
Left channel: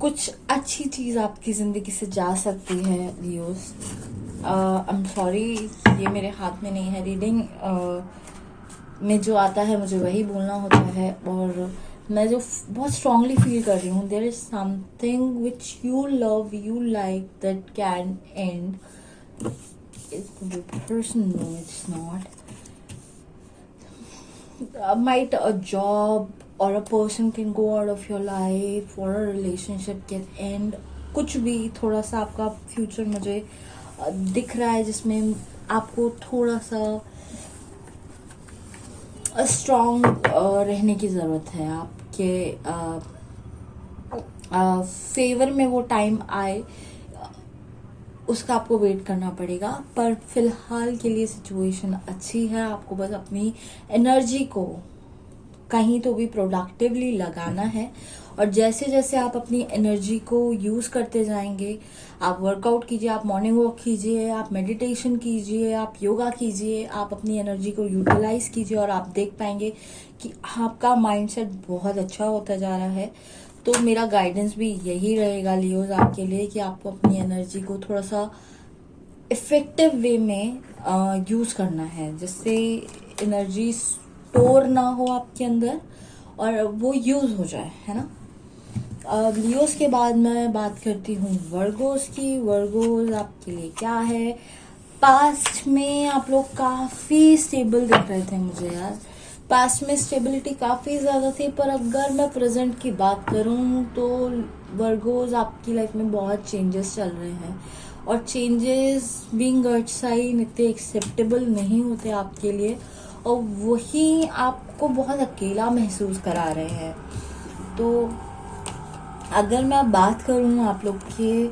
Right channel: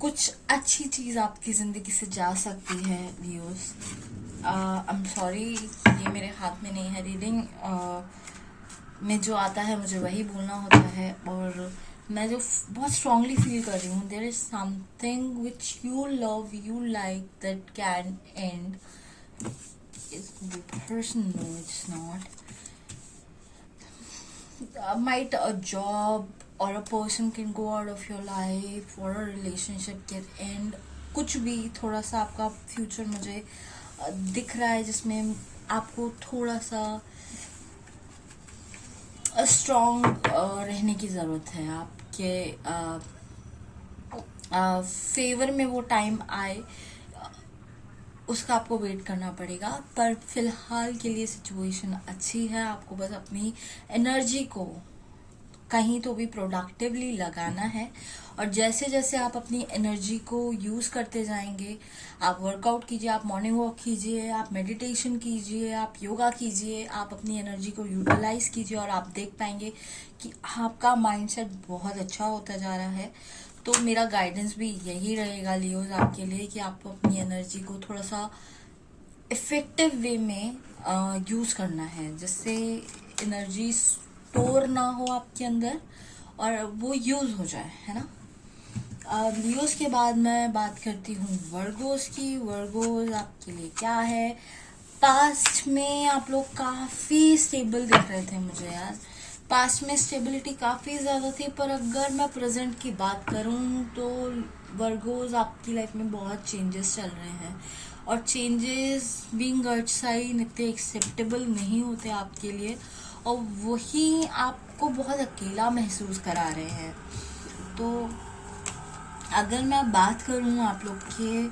कुछ अच्छी चीज आपकी जिंदगी से जा सकती है व्यूअर्स। आई एम सॉरी, ये मेरे हाथ में नहीं है। रीडिंग में जो आता है मुझे वही बोलना होता है, और मैं जो बहुत स्ट्रांगली फील कर रही हूँ, there is something which you love, you like, that can end. person, no, it's not. Might a job or a person can go out of your life, or a relationship can end. कुछ भी थोड़ा सा आपका फ्यूचर मुझे दिख रहा है जिसमें आपको थोड़ा सा स्ट्रॉन्ग रहने की जरूरत है। आपके फेवर में वो टाइम आए, उसका आपको वेट करना पड़ेगा। पर फिलहाल के लिए सिचुएशन अच्छी है। आपको बस अपनी एनर्जी को कहीं तो भी प्रोडक्टिवली लगाना है, और जैसे जैसे आप अपनी एनर्जी को यूज करते जाएंगे, आप वर्कआउट कीजिए, आप मॉर्निंग वॉक कीजिए, आप मेडिटेशन कीजिए, आप योगा कीजिए, आप अपनी एनर्जी को यूटिलाइज कीजिए, और आप देख पाएंगे कि आपका माइंडसेट बहुत अच्छा होता जा रहा है। तो मेरा गाइडेंस भी यही रहेगा लियोज आपके लिए, कि आपको अपनी एनर्जी को थोड़ा सा इफेक्टिव वे में यूज करना है, जिससे एनर्जी स्टोर ना हो आपके अंदर और वो यूज हो जाए, है ना। लियोज के बाद मैं बात करती हूँ वर्गोस की। वर्गोस आपके लिए क्या है। पास्ट में आप लोग काफी स्टेबल दिख रहे थे मुझे यार, पास्ट में स्टेबिलिटी काफी ज्यादा थी। पर अगर मैं प्रेजेंट की बात करूं तो वर्गोस आपकी लाइफ में बहुत चेंजेस चल रहे हैं, और चेंजेस बीइंग अर्थ साइन इतने एक्सेप्टेबल नहीं होते आपके लिए, और वही आपको बहुत अकेला महसूस करा रहे हैं। तो अगर मैं बात करूं आप लोग के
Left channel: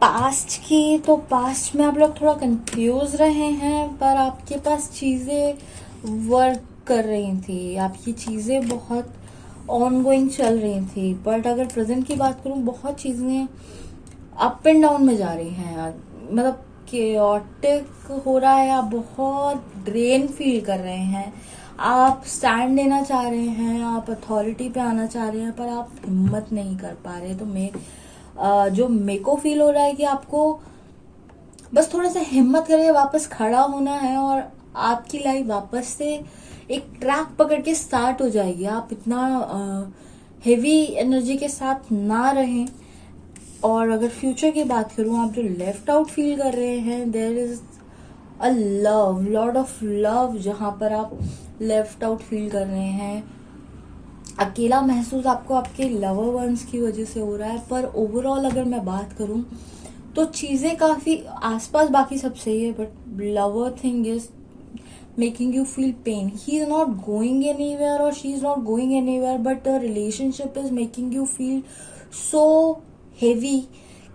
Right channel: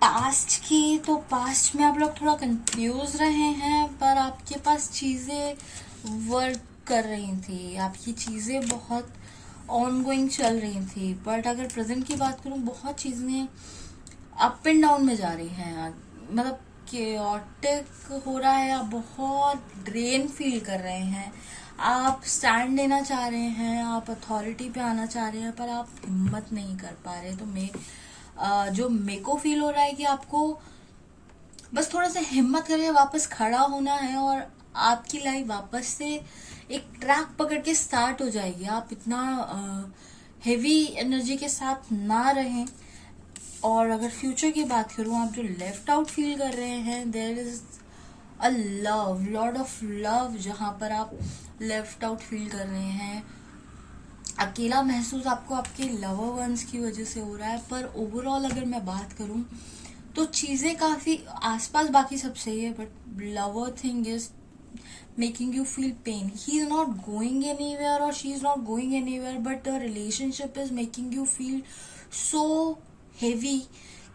पास्ट की, तो पास्ट में आप लोग थोड़ा कंफ्यूज रहे हैं, पर आपके पास चीजें वर्क कर रही थी, आपकी चीजें बहुत ऑनगोइंग चल रही थी, बट अगर प्रेजेंट की बात करूं बहुत चीजें अप एंड डाउन में जा रही हैं, मतलब केओटिक हो रहा है, आप बहुत ड्रेन फील कर रहे हैं, आप स्टैंड लेना चाह रहे हैं, आप अथॉरिटी पे आना चाह रहे हैं, पर आप हिम्मत नहीं कर पा रहे। तो जो मेरे को फील हो रहा है कि आपको बस थोड़ा सा हिम्मत करके वापस खड़ा होना है और आपकी लाइफ वापस से एक ट्रैक पकड़ के स्टार्ट हो जाएगी। आप इतना हेवी एनर्जी के साथ ना रहें। और अगर फ्यूचर की बात करूं, आप जो लेफ्ट आउट फील कर रहे हैं, there is a love, lot of love, जहां पर आप लेफ्ट आउट फील कर रहे हैं। अकेला महसूस आपको आपके लवर वंस की वजह से हो रहा है, पर ओवरऑल अगर मैं बात करूं तो चीजें काफी आसपास बाकी सब सही है, but lover thing is making you feel pain. He is not going anywhere और she is not going anywhere, but the relationship is making you feel so heavy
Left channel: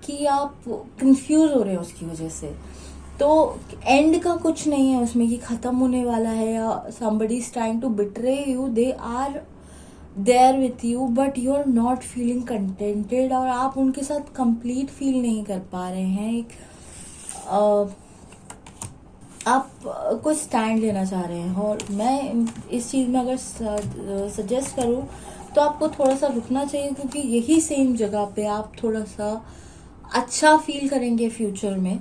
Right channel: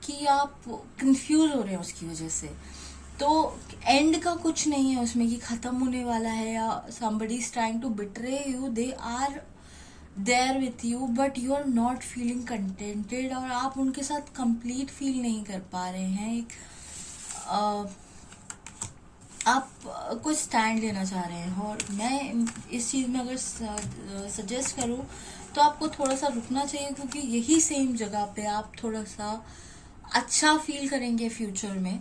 कि आप कंफ्यूज हो रहे हो उसकी वजह से। तो एंड का कुछ नहीं है उसमें कि खत्म होने वाला है या somebody is trying to betray you, they are there with you but you are not feeling contented, और आप उनके साथ कंप्लीट फील नहीं कर पा रहे हैं। एक आप कुछ स्टैंड लेना चाह रहे हैं, और मैं इस चीज में अगर सजेस्ट करूं तो आपको थोड़ा सा रुकना चाहिए, क्योंकि यही सेम जगह पे आप थोड़ा सा अच्छा फील करेंगे फ्यूचर में।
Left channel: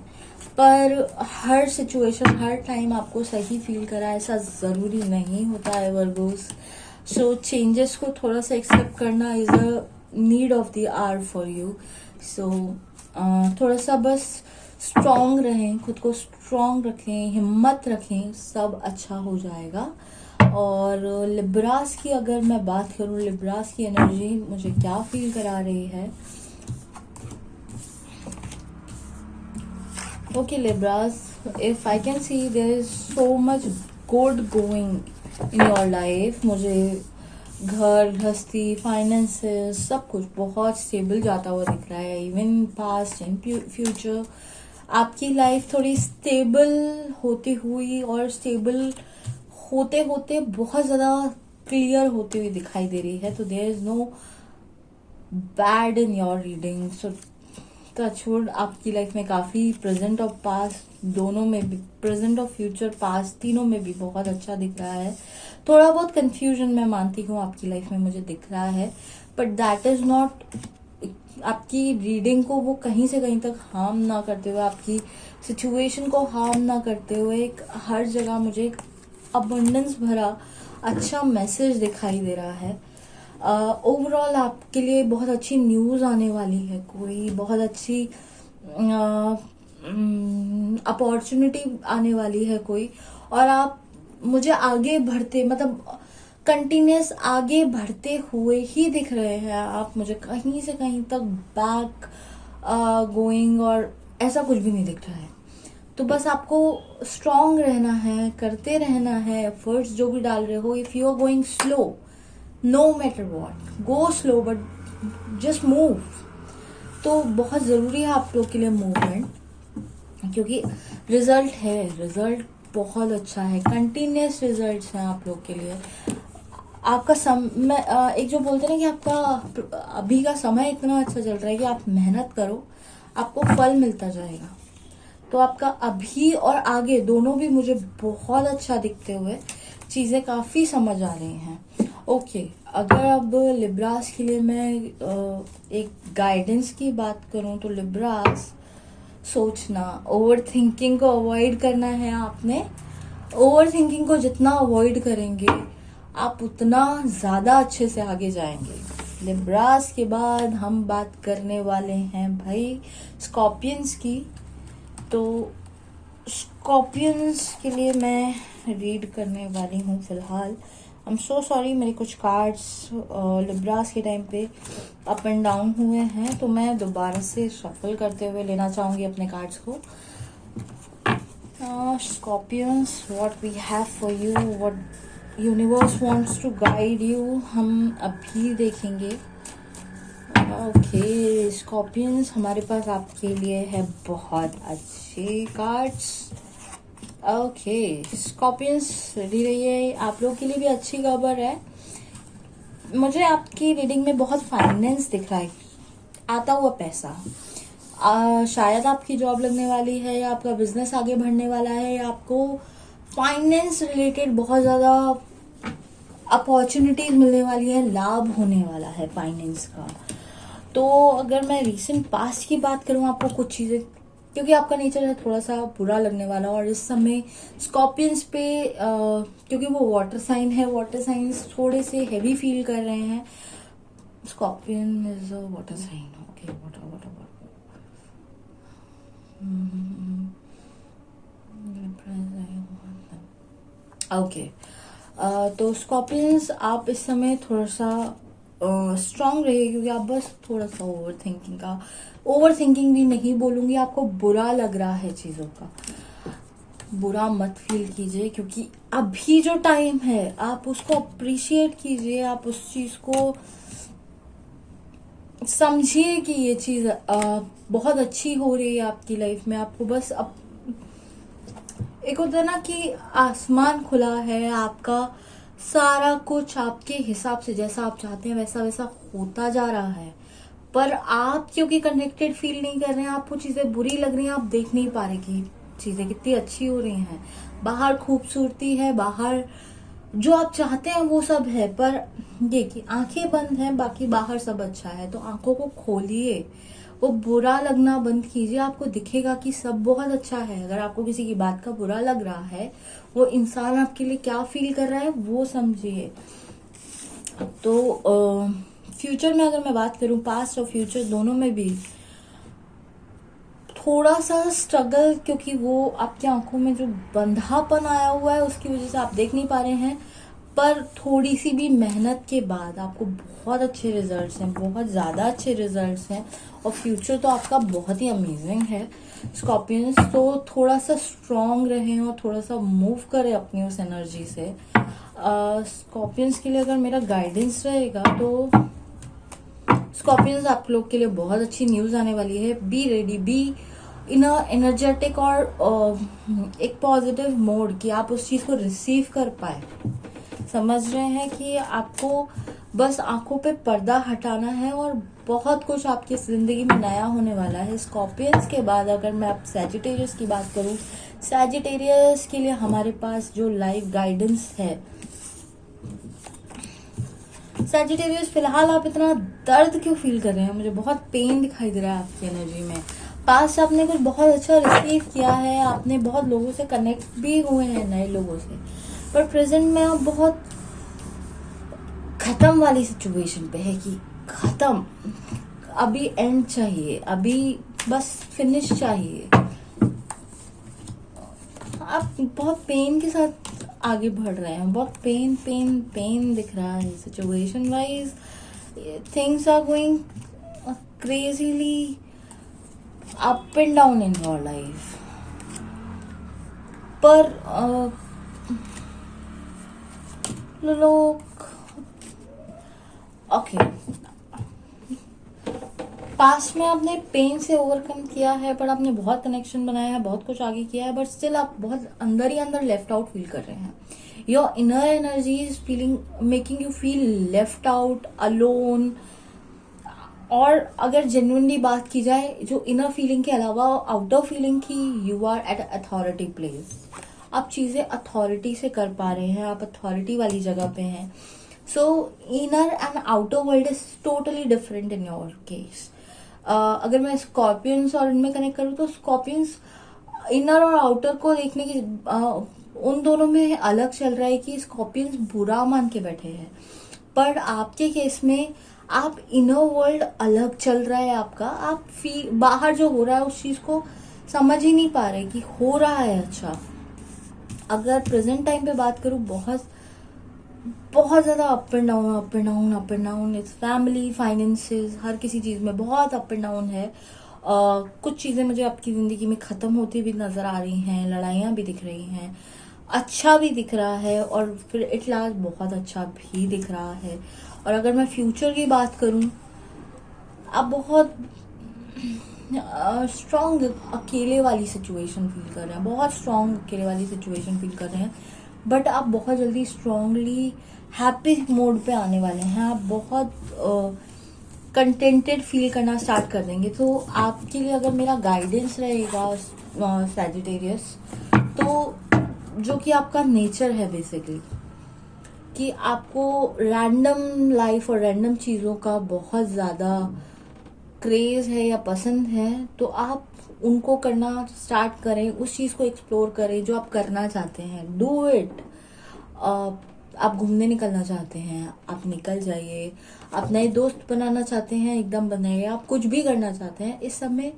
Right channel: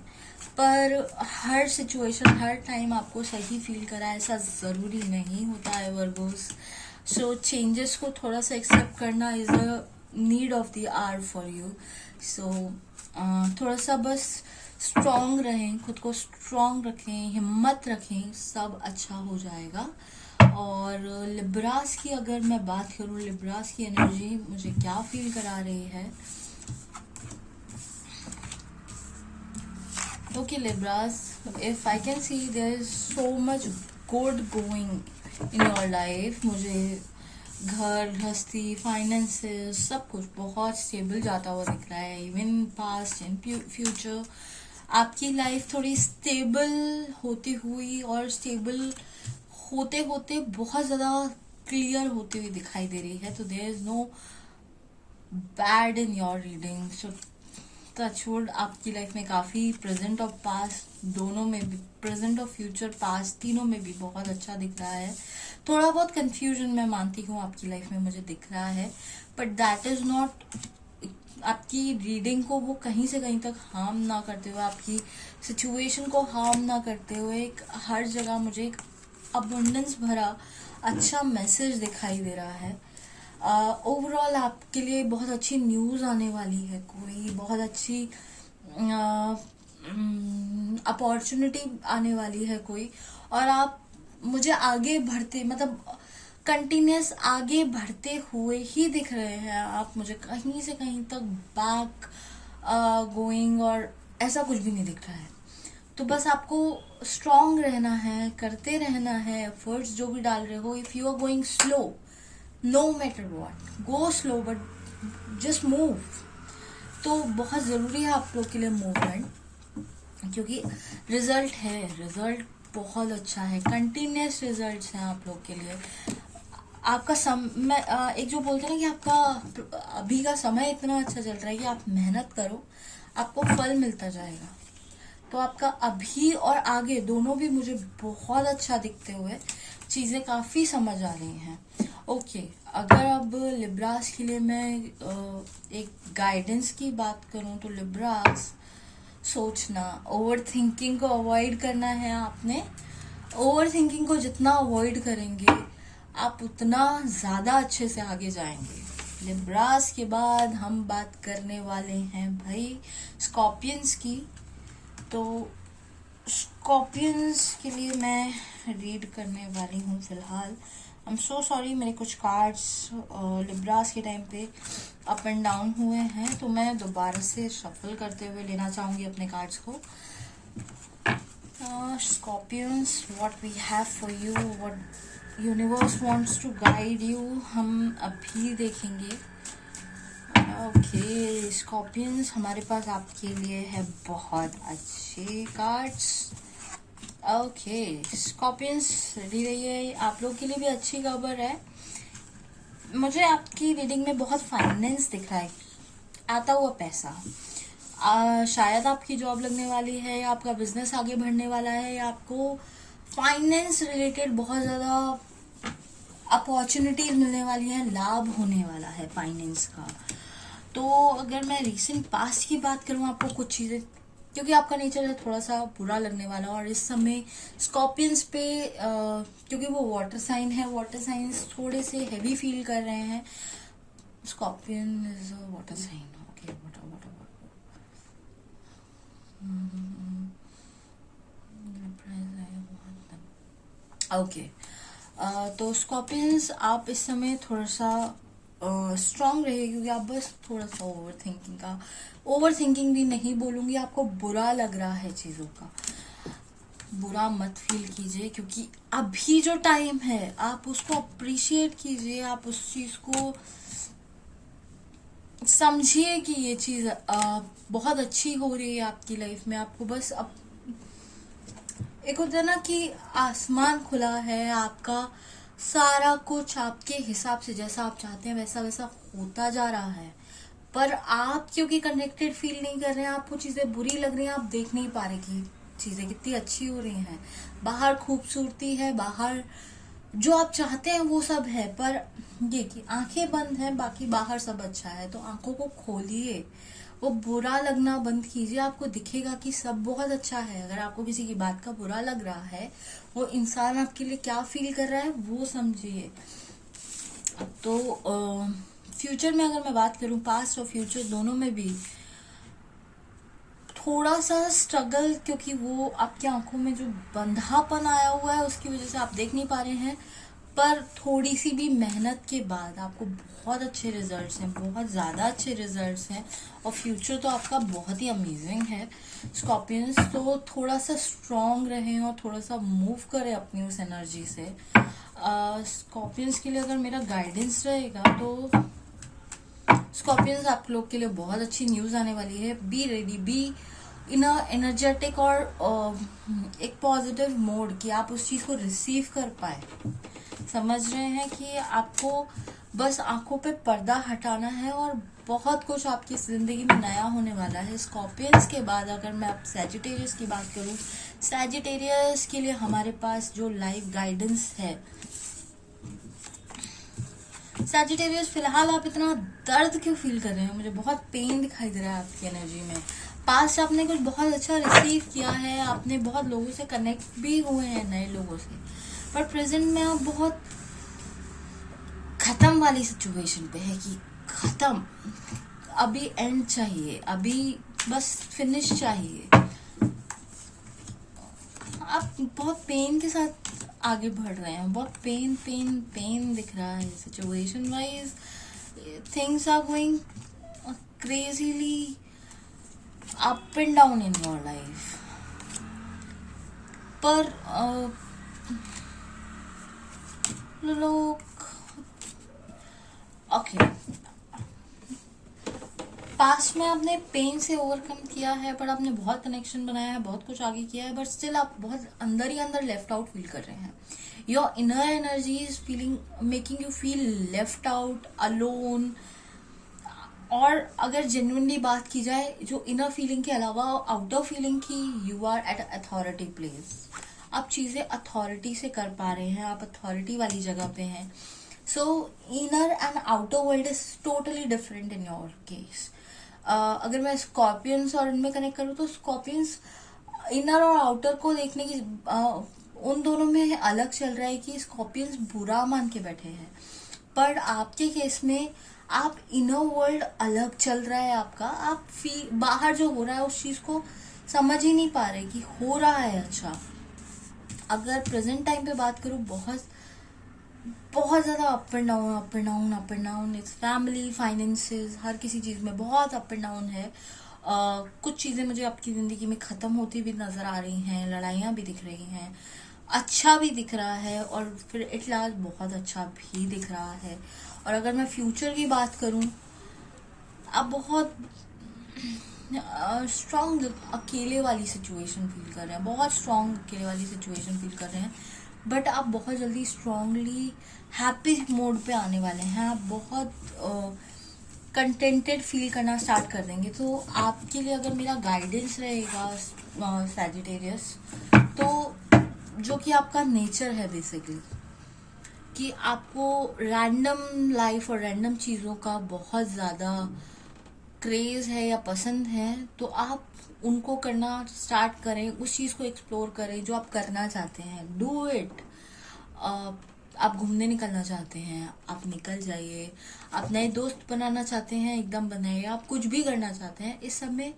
पर हर सिचुएशन हर टाइम आपको सही फील करा ऐसा जरूरी नहीं होता है वर्गोस। सो चेंजेस को थोड़ा सा एक्सेप्ट करना is a need of the hour for you. So थोड़ा सा बस स्ट्रांग रहें, खुद को स्ट्रांग रखें, हिम्मत रखें, सब अच्छा हो जाएगा। और लिब्रास की अगर मैं बात करूं, लिब्रास की एनर्जी मुझे क्या फील करा रही है। Okay, Libras, if I can see there is so much good going in your life, मुझे घर, गृहस्थी, फाइनेंसेस, सब कुछ बहुत स्टेबल जाता हुआ दिख रहा है। इवन पास्ट एंड फ्यूचर आपकी लाइफ थोड़ी स्टेबल होती हुई और स्टेबल होते होते बहुत ज्यादा क्लियर होती हुई दिखाई दे रही है। तो there is no bad in your reading. So touchwood आपकी लाइफ में काफी प्रेजेंट और पास्ट दोनों में भी, प्रेजेंट और फ्यूचर पास्ट तीनों में भी बहुत अच्छा दिख रहा है। थोड़ा बहुत कंफ्यूजन मैं मानती हूँ आपकी लाइफ में मुझे दिख रहा है, बट दैट इज नॉट आपकी रीडिंग को वो कहीं से कहीं तक हार्म ना करते हुए, आपकी सिचुएशन को हार्म ना करते हुए, एक हर जगह मुझे एक अबंडेंस भरा अच्छा मैसेज दिखाई दे रहा है। ओवरऑल आपके लिए बहुत अच्छी न्यूज आने वाली है, कोई बहुत अच्छी अपॉर्चुनिटी आने वाली है कोई, और आप मुझे आगे बढ़ते, मतलब कंटिन्यूस आगे बढ़ते हुए ही दिख रहे हैं। आप मुझे कहीं से कहीं तक बैक गोइंग और ऐसा कुछ भी नहीं दिख रहा है। तो बस आपको स्ट्रांग रहना है, करते रहना है, एफर्ट्स जो भी डाल रहे हो। If you are going slow, no matter what, go slow but just move. तो बहुत जरूरी है आप लोग के लिए मूवमेंट, क्योंकि रिजल्ट है, रिजल्ट बहुत अच्छा है, कंटिन्यूस रिजल्ट्स हैं आप लोग के लिए। आपका समय, एक जो बोलते हैं ना कि आपका अभी का समय इतना अच्छा चल रहा है कि आप मेहनत करो, आपको फल मिलता जाएगा। तो आपका अभी और आगे दोनों भी मुझे बहुत अच्छा दिखते हुए चीजें काफी समझ आ रही हैं। ओके, अगर अब लिब्रास के लिए मैं एक गाइडेंस की बात करूं तो लिब्रास, सोचना, ओवर थिंकिंग को अवॉइड करना है आपने। ओवर थिंकिंग को जितना अवॉइड करेंगे आप उतना ज्यादा अच्छे से आगे जाएंगे। लिब्रास के बाद हम बात करने वाले हैं भाई स्कॉर्पियंस की। तो स्कॉर्पियंस के लिए मैं रीड करने वाली हूँ फिलहाल। आई एम सो सॉरी, मेरे कुछ कार्ड्स लिब्रास के टाइम पे अप एंड डाउन हुए हैं, तो मैं दोबारा से शफल करते हुए लेना चाहूंगी अपने कार्ड्स को। Scorpions, what we have for you, what universe wants to guide you, हम अभी देखेंगे। ओके स्कॉर्पियंस, हमारे पास आपके लिए है बहुत अच्छे कार्ड्स। ओके स्कॉर्पियंस, रेडी रहिए, आप लोग के लिए भी अच्छी खबर है। मुझे आपकी रीडिंग में बहुत फाइनेंस दिख रहा है, आता हुआ पैसा। शायद आपकी जॉब लगने वाली है, या आपका बिजनेस आगे बढ़ने वाला है, या आपको फाइनेंस रिलेटेड बहुत ज्यादा अपॉर्चुनिटीज मिलने वाली है, लाभ होने वाला है फाइनेंस का। तो अगर मैं रीसेंट पास्ट की बात करूं, आपको कुछ चीजें, क्योंकि आपका नेचर है थोड़ा सा बुरा लगने वाला, और इस समय स्कॉर्पियंस पे क्योंकि वो वाटर साइन है, वाटर साइंस थोड़े से हैवी फील कर रहे हैं। Scorpion is a water sign, okay, water water okay. तो स्कॉर्पियंस, आप इस समय थोड़ा सा स्ट्रांग रहिए, क्योंकि आप बस थोड़ा सा ओवर थिंकिंग भी नहीं बोलूंगी, आपको बुरा लग रहा है चीजों का, बुरा मत फील कीजिए, क्योंकि अभी जो टाइम है आप उसको अप्रिशिएट कीजिए, आप उस चीज को समझिए कि ये चीज बहुत अच्छी हो रही है आपकी लाइफ में। आपको बस एक होता है ना कि आसमान खुला है, आपका सारा कुछ आपके हिसाब से, जैसा आप चाहते हैं वैसा वैसा होता जा रहा है, पर आप क्योंकि कनेक्टेड फील नहीं कर रहे हैं, आपको चीजें बुरी लग रही हैं, आप देख नहीं पा रहे कि चीजें कितनी अच्छी हो रही हैं। बाहर खूबसूरती है, बाहर जो आप चाहते हैं वो सब है, पर ये कि आंखें बंद हैं, बाकी बाहर सब अच्छा है। तो आंखों को खोलिए, वो बुरा लगना बंद कीजिए, आपको दिखेगा कि सब बहुत अच्छा है। अगर आपको किसी की बात का बुरा लग रहा है, वो इंसान आपके लिए क्या फील कर रहा है वो समझिए। तो फ्यूचर में अगर मैं बात करूं, पास्ट और फ्यूचर दोनों में भी थोड़ा सा स्ट्रगल, क्योंकि वो आपकी आंखों में जो बंधापन आया हुआ है उसकी वजह से आप देख नहीं पा रहे हैं, पर थोड़ी सी भी मेहनत के बाद आपको बहुत अच्छे रिजल्ट्स हैं, बहुत ज्यादा अच्छे रिजल्ट्स हैं, और फ्यूचर तो आपका बहुत ही अमेजिंग है स्कॉर्पियंस। तो थोड़ा सा स्ट्रांग रहें और थोड़ा सा मूव करें अपनी उस एनर्जी से। स्कॉर्पियंस के लिए अगर मेरा गाइडेंस रहेगा, तो स्कॉर्पियंस आप लोग के लिए बहुत अच्छी न्यूज आने वाली है। Be ready, be in energetic और एक पॉजिटिव मोड, कि आप उस चीज को रिसीव कर पाए। समझ रहे हैं कि आपको बस आंखों पे पर्दा हटाना है, और बहुत कुछ आपकी जिंदगी में नया होने वाला है। स्कॉर्पियंस के बाद अगर मैं अब सैजिटेरियस की बात करूं, सैजिटेरियस के लिए हमारे पास जो लाइफ गाइडेंस है, सैजिटेरियस फिलहाल आप इतना दर्द क्यों फील कर रहे हैं? मुझे बहुत पेन दिखाई दे रहा है आपकी एनर्जी में। पास्ट आपने कुछ बहुत अच्छा रिसीव किया है, आपने बहुत लोगों से कनेक्ट भी हुए हैं, नए लोगों से, पर प्रेजेंट में आप बहुत खत्म वाली सिचुएशन पे है, कि खत्म, अभी एंड चाहिए, अभी बस फिनिश चाहिए। आप बहुत पेन के साथ आगे बढ़ रहे हैं, बहुत पेन पेन पेन दिख रहा है situation wise. Things are going crazily up and down in your life, पर लोग ओके, पास्ट में आपने पेन से ओवरकम किया है, पर आपने बहुत कनेक्शन बनाया है, बहुत कुछ आगे किया है, बट स्टिल आप बहुत अंदर ही अंदर लेफ्ट आउट फील कर रहे हैं। Your inner energy is feeling, making you feel left out, alone. और अगर जेन्युइनली बात की जाए, जो इनर फीलिंग के अलावा आउटर फीलिंग की, you are at authority place, आप चीजें अथॉरिटी से कर पा रहे हैं, आप अथॉरिटी वाली जगह पे हैं। सो inner and outer world is totally different in your case. अगर मैं स्कॉर्पियंस और इनमें कनेक्ट करूँ, तो स्कॉर्पियंस इनर और आउटर को देखने की उन दोनों में अलग चल रहा है, कि स्कॉर्पियंस बुरा मान के बैठे हैं, पर आपके केस में आप इनर वर्ल्ड अलग चल रहा है आपका। आप बाहर जो हो रहा है उस चीज को समझ ही नहीं पा रहे कि हो रहा है अच्छा। अगर प्रेजेंट टाइम पे बात करूं, बहुत बहुत ज्यादा up and down, up and down, up and down. It's family, finances, हर किसी चीज में बहुत अप एंड डाउन है। कुछ चीजें मुझे आपकी जिंदगी में खत्म होती भी नजर आ रही हैं, लड़ाइयां भी दिख रही हैं, अच्छा भी दिख रहा है, और फिर एट लास्ट बहुत अच्छा भी दिख रहा है। और अगर मैं फ्यूचर की बात करूं, आप बहुत स्ट्रॉन्ग अकेले वाली सिचुएशन फील कर रहे हैं, बहुत स्ट्रॉन्ग अकेले वाली सिचुएशन फील कर रहे हैं। बट आप बहुत जल्दी स्ट्रांगली हैप्पी मोड पे आने वाले हैं। आप बहुत कंटेंटेड फील करना स्टार्ट कर देंगे। तो आपके लिए अगर मेरा गाइडेंस रहेगा सैजिटेरियस, तो जो कि आपका नेचर है बेसिकली, कि आपको रैंडम लाइफ और रैंडम चीज़ों का बहुत ज़्यादा क्रेज है या पसंद है, तो आप उनको करना स्टार्ट करें, उस चीज़ को एक्सप्लोर करें जो आप करना चाहते हैं। Do it. आप घूमने निकलना चाहते हैं, आप निकल जाइए। आप नए दोस्त बनाना चाहते हैं, एकदम बनाइए। आप कुछ भी करना चाहते हैं, इस समय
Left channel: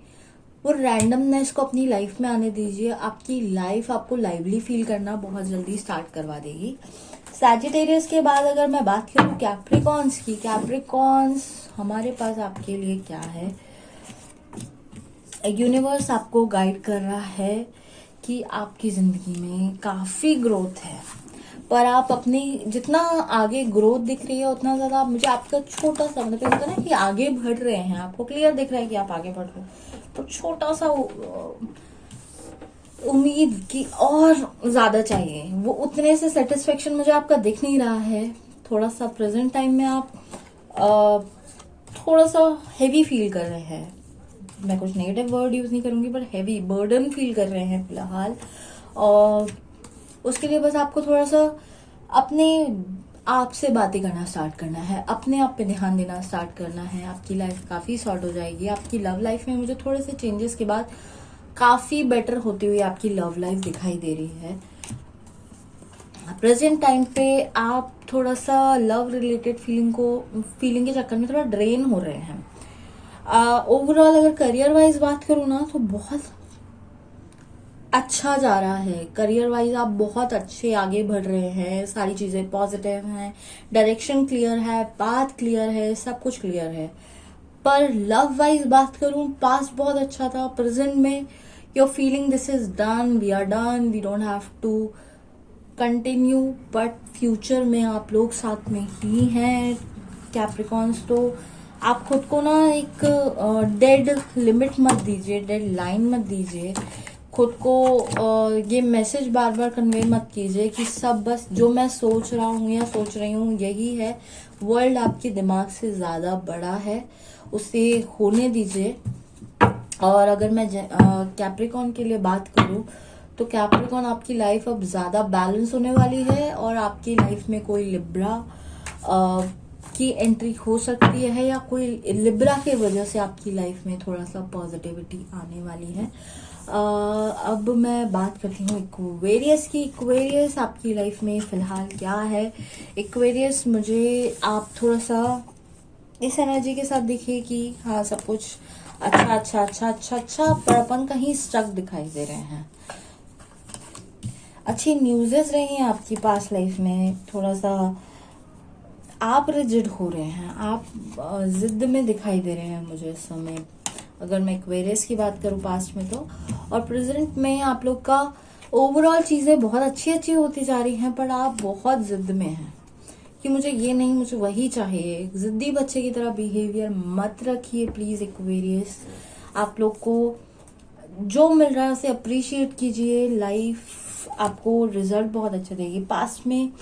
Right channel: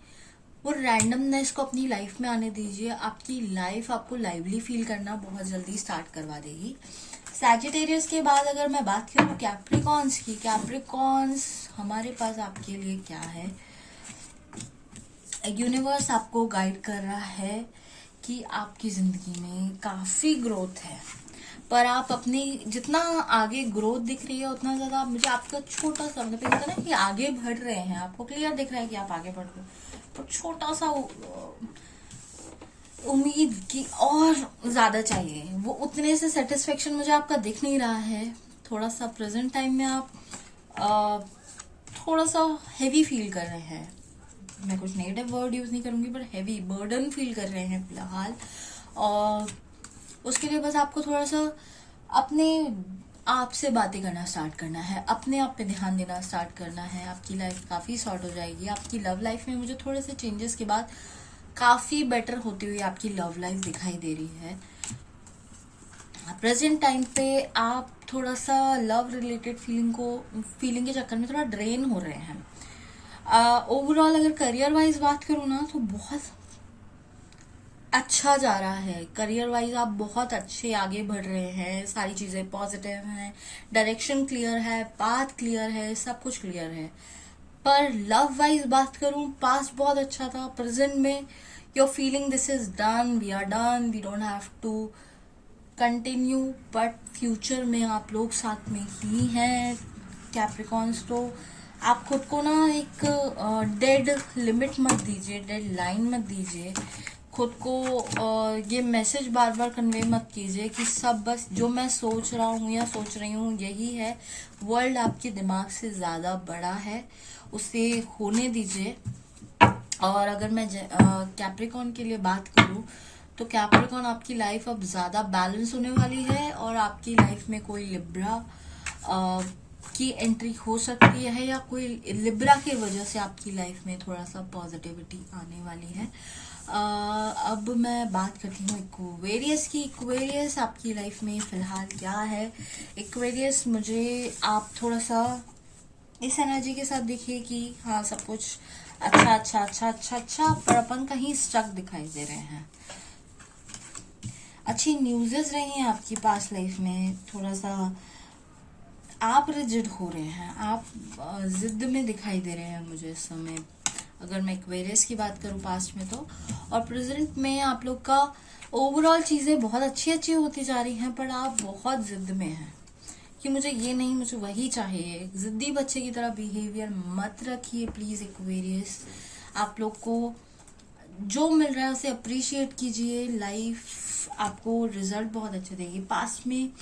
वो रैंडमनेस को अपनी लाइफ में आने दीजिए। आपकी लाइफ आपको लाइवली फील करना बहुत जल्दी स्टार्ट करवा देगी। सैजिटेरियस के बाद अगर मैं बात करूं कैप्रिकॉन्स की, कैप्रिकॉन्स हमारे पास आपके लिए क्या है? यूनिवर्स आपको गाइड कर रहा है कि आपकी जिंदगी में काफी ग्रोथ है, पर आप अपनी जितना आगे ग्रोथ दिख रही है उतना ज्यादा मुझे आपका छोटा सा, मतलब होता है ना कि आगे बढ़ रहे हैं, आपको क्लियर दिख रहा है कि आप आगे बढ़ रहे हो, तो छोटा सा उम्मीद की और ज्यादा चाहिए। वो उतने से सेटिस्फेक्शन मुझे आपका दिख नहीं रहा है। थोड़ा सा प्रेजेंट टाइम में आप थोड़ा सा हैवी फील कर रहे हैं। मैं कुछ नेगेटिव वर्ड यूज नहीं करूंगी, पर हैवी बर्डन फील कर रहे हैं फिलहाल। और उसके लिए बस आपको थोड़ा सा अपने आप से बातें करना स्टार्ट करना है, अपने आप पे ध्यान देना स्टार्ट करना है। आपकी लाइफ काफी शॉर्ट हो जाएगी। आपकी लव लाइफ में मुझे थोड़े से चेंजेस के बाद काफी बेटर होती हुई आपकी लव लाइफ दिखाई दे रही है। प्रेजेंट टाइम पे आप थोड़ा सा लव रिलेटेड फीलिंग के चक्कर में थोड़ा ड्रेन हो रहे हैं। ओवरऑल अगर करियर वाइज बात करूँ ना, तो बहुत अच्छा जा रहा है। करियर वाइज आप बहुत अच्छे आगे बढ़ रहे हैं, सारी चीजें पॉजिटिव हैं, डायरेक्शन क्लियर है, पाथ क्लियर है, सब कुछ क्लियर है। पर लव वाइज बात करूं, पास्ट बहुत अच्छा था। प्रेजेंट में your feeling this is done, we are done, we don't have to continue, but future में आप लोग साथ में ही हैं कैप्रिकॉन्स। तो आप खुद को ना एक डेड लिमिट मत दीजिए, डेड लाइन मत दीजिए। खुद को ये मैसेज बार बार कन्वे मत कीजिए कि सब बस जो मैं सोच रहा हूँ या सोच रही हूँ यही है। वर्ल्ड आपके दिमाग से ज्यादा बड़ा है, उसे होने दीजिए। और अगर मैं कैप्रिकॉन के लिए बात करूँ, तो कैप्रिकॉन आपकी लाइफ अब ज्यादा बैलेंस होने वाली है, और आपकी लाइफ में कोई लिब्रा की एंट्री हो सकती है, या कोई लिब्रा की वजह से आपकी लाइफ में थोड़ा सा पॉजिटिविटी आने वाली है। अब मैं बात करती हूँ इक्वेरियस की। इक्वेरियस आपकी लाइफ में फिलहाल क्या है? इक्वेरियस मुझे आप थोड़ा सा इस एनर्जी के साथ दिखिए कि हाँ सब कुछ अच्छा अच्छा अच्छा अच्छा अच्छा, पर अपन कहीं स्ट्रक दिखाई दे रहे हैं। अच्छी न्यूज़ेस रही हैं आपकी पास लाइफ में। थोड़ा सा आप रिजिड हो रहे हैं, आप जिद में दिखाई दे रहे हैं मुझे इस समय, अगर मैं इक्वेरियस की बात करूं पास्ट में तो। और प्रेजेंट में आप लोग का ओवरऑल चीजें बहुत अच्छी अच्छी होती जा रही हैं, पर आप बहुत जिद में हैं कि मुझे ये नहीं, मुझे वही चाहिए। जिद्दी बच्चे की तरह बिहेवियर मत रखिए प्लीज इक्वेरियस। आप लोग को जो मिल रहा है उसे अप्रिशिएट कीजिए। लाइफ आपको रिजल्ट बहुत अच्छा देगी। पास्ट में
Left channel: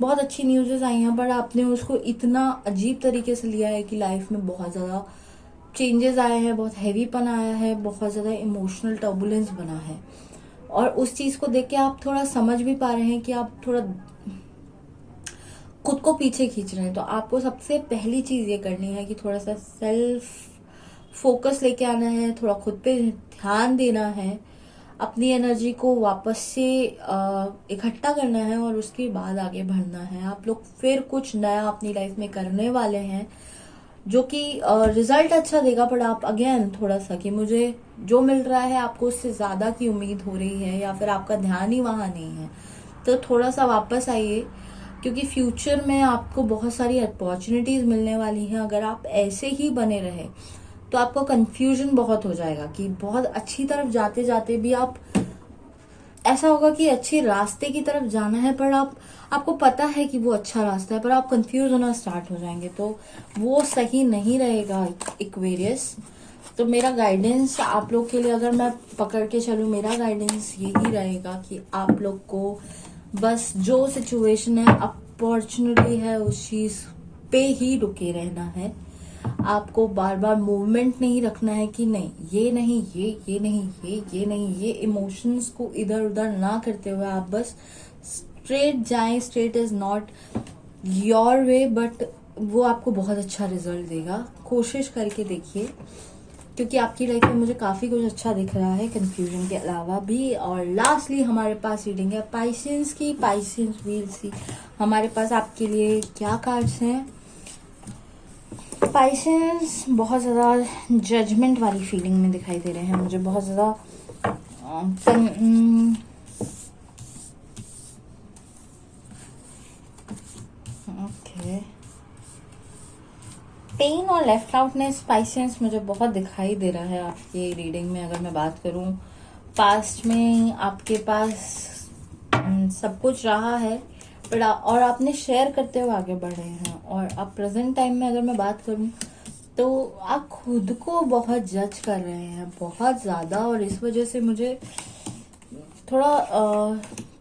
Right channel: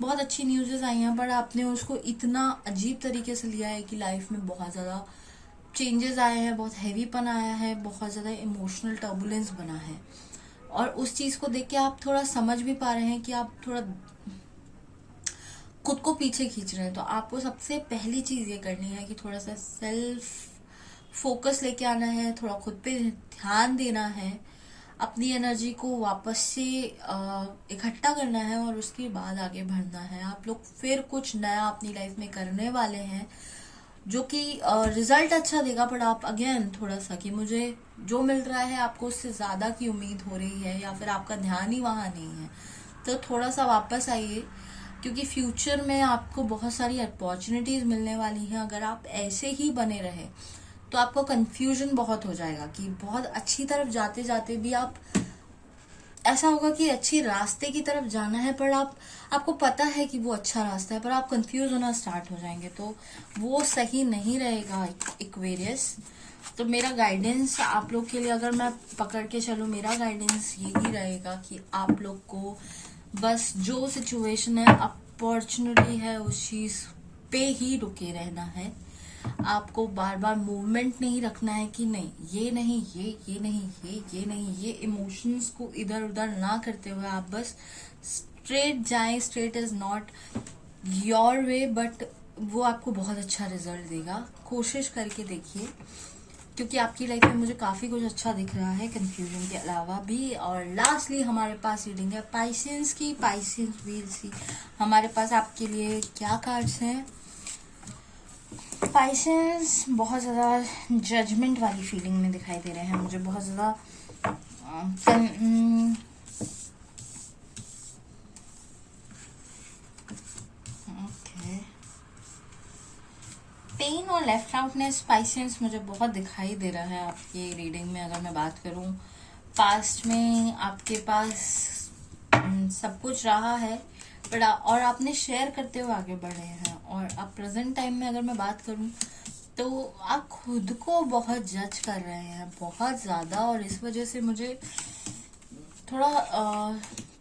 बहुत अच्छी न्यूज़ेस आई हैं, पर आपने उसको इतना अजीब तरीके से लिया है कि लाइफ में बहुत ज्यादा चेंजेस आए हैं, बहुत हैवीपन आया है, बहुत ज्यादा इमोशनल टर्बुलेंस बना है। और उस चीज को देख के आप थोड़ा समझ भी पा रहे हैं कि आप थोड़ा खुद को पीछे खींच रहे हैं। तो आपको सबसे पहली चीज ये करनी है कि थोड़ा सा सेल्फ फोकस लेके आना है, थोड़ा खुद पे ध्यान देना है, अपनी एनर्जी को वापस से इकट्ठा करना है, और उसके बाद आगे बढ़ना है। आप लोग फिर कुछ नया अपनी लाइफ में करने वाले हैं जो कि रिजल्ट अच्छा देगा, पर आप अगेन थोड़ा सा कि मुझे जो मिल रहा है आपको उससे ज्यादा की उम्मीद हो रही है, या फिर आपका ध्यान ही वहां नहीं है, तो थोड़ा सा वापस आइए, क्योंकि फ्यूचर में आपको बहुत सारी अपॉर्चुनिटीज मिलने वाली हैं। अगर आप ऐसे ही बने रहे तो आपको कंफ्यूजन बहुत हो जाएगा कि बहुत अच्छी तरफ जाते जाते भी आप, ऐसा होगा कि अच्छे रास्ते की तरफ जाना है, पर आपको पता है कि वो अच्छा रास्ता है, पर आप कंफ्यूज होना स्टार्ट हो जाएंगे, तो वो सही नहीं रहेगा इक्वेरियस। तो मेरा गाइडेंस आप लोग के लिए अगर मैं पकड़ के चलूं, मेरा गाइडेंस यही रहेगा कि आप लोग को बस जो सिचुएशन है, अपॉर्चुनिटी है, उस चीज पे ही रुके रहना है। आपको बार बार मूवमेंट नहीं रखना है कि नहीं ये नहीं ये नहीं ये नहीं, ये इमोशंस को इधर उधर ना करते हुए आप बस स्ट्रेट जाएं। Straight is not your way, but वो आपको बहुत अच्छा रिजल्ट देगा। कोशिश करके देखिए, क्योंकि आपकी लाइफ में मुझे काफी कुछ अच्छा दिख रहा है कंफ्यूजन के अलावा भी। और लास्टली हमारे पास रीडिंग है पाइसेंस की। पाइसेंस वील सी हमारे पास आपके लिए क्या कार्ड्स हैं। पाइसेंस बहुत ज्यादा जजमेंट वाली फीलिंग में दिखाई दे रहे हैं मुझे, बहुत ज्यादा ओके। पेन और लेफ्ट आउटनेस पाइसेंस मुझे बहुत दिखाई दे रहा है आपकी रीडिंग में। अगर मैं बात करूं पास्ट में आपके पास सब कुछ रहा है, बट और आपने शेयर करते हुए आगे बढ़ रहे हैं। और अब प्रेजेंट टाइम में अगर मैं बात करूं तो आप खुद को बहुत जज कर रहे हैं, बहुत ज्यादा। और इस वजह से मुझे थोड़ा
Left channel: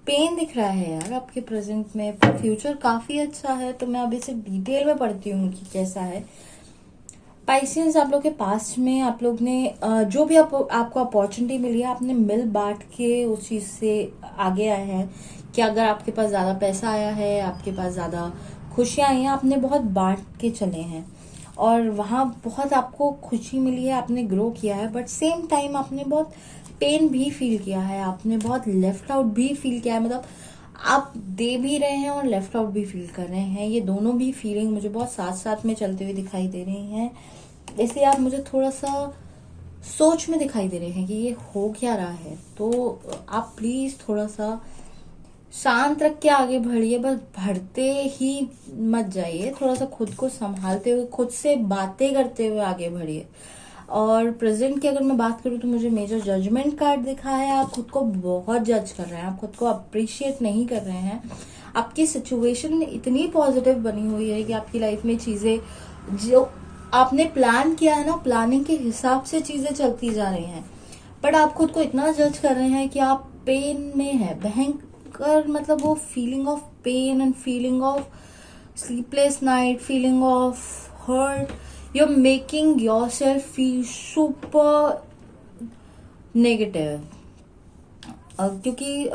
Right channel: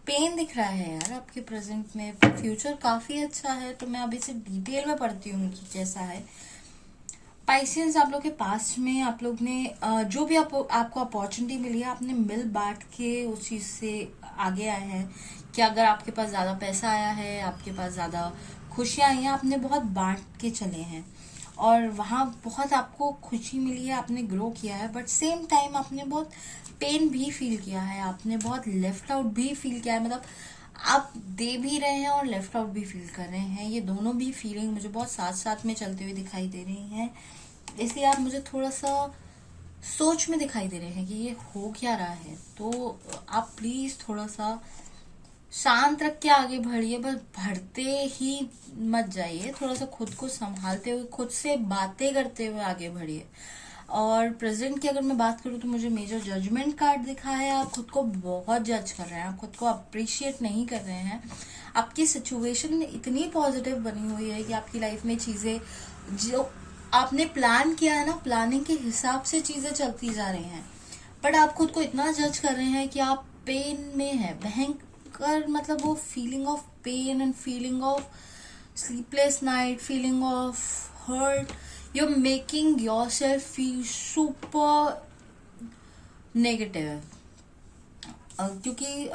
पेन दिख रहा है यार आपके प्रेजेंट में। फ्यूचर काफी अच्छा है, तो मैं अभी से डिटेल में पढ़ती हूँ कि कैसा है। पाइसेंस आप लोग के पास्ट में आप लोग ने जो भी आपको अपॉर्चुनिटी मिली है, आपने मिल बांट के उस चीज से आगे आए हैं। कि अगर आपके पास ज्यादा पैसा आया है, आपके पास ज्यादा खुशियां आई हैं, आपने बहुत बांट के चले हैं और वहां बहुत आपको खुशी मिली है, आपने ग्रो किया है। बट सेम टाइम आपने बहुत पेन भी फील किया है, आपने बहुत लेफ्ट आउट भी फील किया है। मतलब आप दे भी रहे हैं और लेफ्ट आउट भी फील कर रहे हैं। ये दोनों भी फीलिंग मुझे बहुत साथ साथ में चलते हुए दिखाई दे रही हैं। इसलिए आप मुझे थोड़ा सा सोच में दिखाई दे रहे हैं कि ये हो क्या रहा है। तो आप प्लीज थोड़ा सा शांत रख के आगे बढ़िए, बस बढ़ते ही मत जाइए। थोड़ा सा खुद को संभालते हुए, खुद से बातें करते हुए आगे बढ़िए। और प्रेजेंट की अगर मैं बात करूं तो मुझे मेजर जजमेंट कार्ड दिखा है। आप खुद को बहुत जज कर रहे हैं, आप खुद को अप्रिशिएट नहीं कर रहे हैं। आपकी सिचुएशन इतनी पॉजिटिव बनी हुई है कि आपकी लाइफ में चीजें जो आपने प्लान किया है ना, प्लानिंग के हिसाब से चीजें चलती जा रही हैं। बट आप खुद को इतना जज कर रहे हैं कि आप पेन में है, भयंकर। मतलब वो feeling of pain and feeling of sleepless night, feeling of hurt, you're making yourself feel super negative। क्योंकि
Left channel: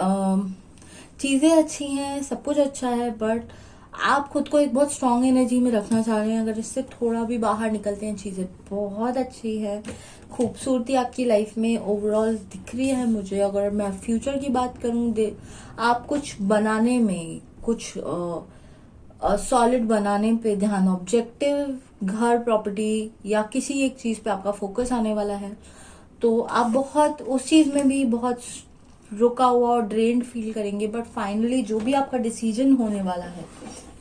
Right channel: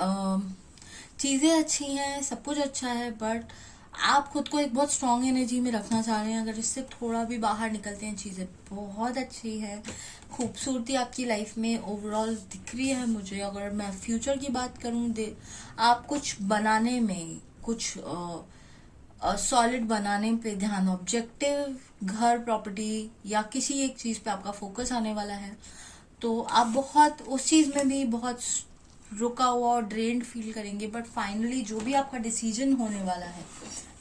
चीजें अच्छी हैं, सब कुछ अच्छा है, बट आप खुद को एक बहुत स्ट्रांग एनर्जी में रखना चाह रहे हैं। अगर इससे थोड़ा भी बाहर निकलते हैं, चीजें बहुत अच्छी है। खूबसूरती आपकी लाइफ में ओवरऑल दिख रही है मुझे। अगर मैं फ्यूचर की बात करूं, आप कुछ बनाने में, कुछ सॉलिड बनाने पे ध्यान, ऑब्जेक्टिव, घर, प्रॉपर्टी या किसी एक चीज पे आपका फोकस आने वाला है। तो आप बहुत उस चीज में भी बहुत रुका हुआ और ड्रेन्ड फील करेंगे। बट फाइनली जो भी आपका डिसीजन होने वाला है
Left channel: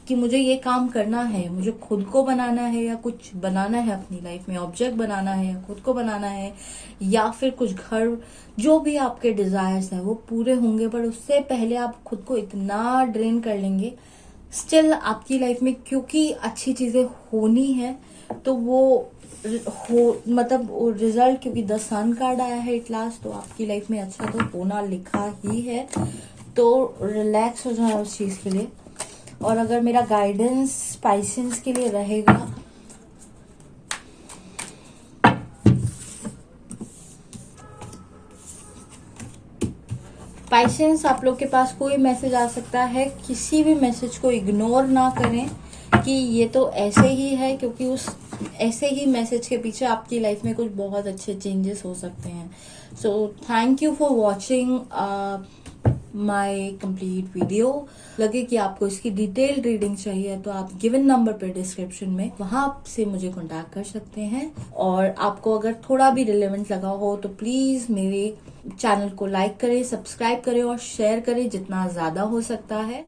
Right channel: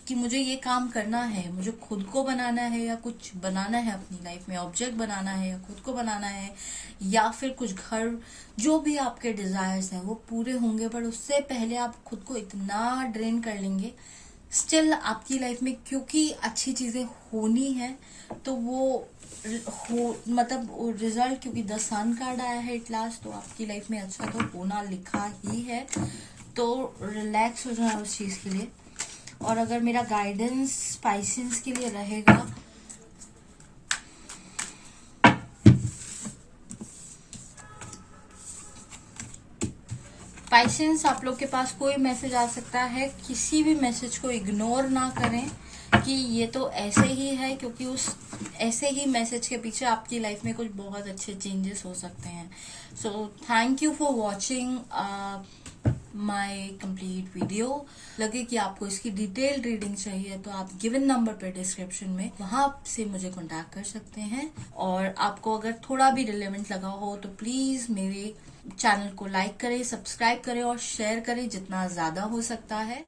कि मुझे ये काम करना है, मुझे खुद को बनाना है या कुछ बनाना है अपनी लाइफ में, ऑब्जेक्ट बनाना है या खुद को बनाना है या फिर कुछ घर, जो भी आपके डिजायर्स हैं वो पूरे होंगे। बट उससे पहले आप खुद को इतना ड्रेन कर लेंगे स्टिल आपकी लाइफ में, क्योंकि अच्छी चीजें होनी है। तो वो मतलब रिजल्ट, क्योंकि द सन कार्ड आया है एट लास्ट, तो आपकी लाइफ में अच्छा तो होना लिखा ही है। तो रिलैक्स हो जाए उस चीज के लिए। और अगर मेरा गाइडेंस पाइसेंस के लिए रहेगा, पाइसेंस आप लोग के पास कोई मैसेज आ सकता है, किसी भी मैसेज को इग्नोर ना करें कि ये तो ऐसे ही है, क्योंकि उस ऐसे ही मैसेज के पीछे आपकी लाइफ में कुछ बहुत अच्छे चेंजेस हो सकते हैं। So thank you for watching my complete video. लगे कि आपको इसकी डिटेल्ड रीडिंग चाहिए तो आप गिवन नंबर पे डिस्क्रिप्शन में वहां से मुझे कांटेक्ट कर सकते हैं। और आपको अगर थोड़ा भी रिलेवेंट लगा हो तो प्लीज मेरे चैनल को लाइक करें, सब्सक्राइब करें और शेयर करें जितना ज्यादा हो सकता है।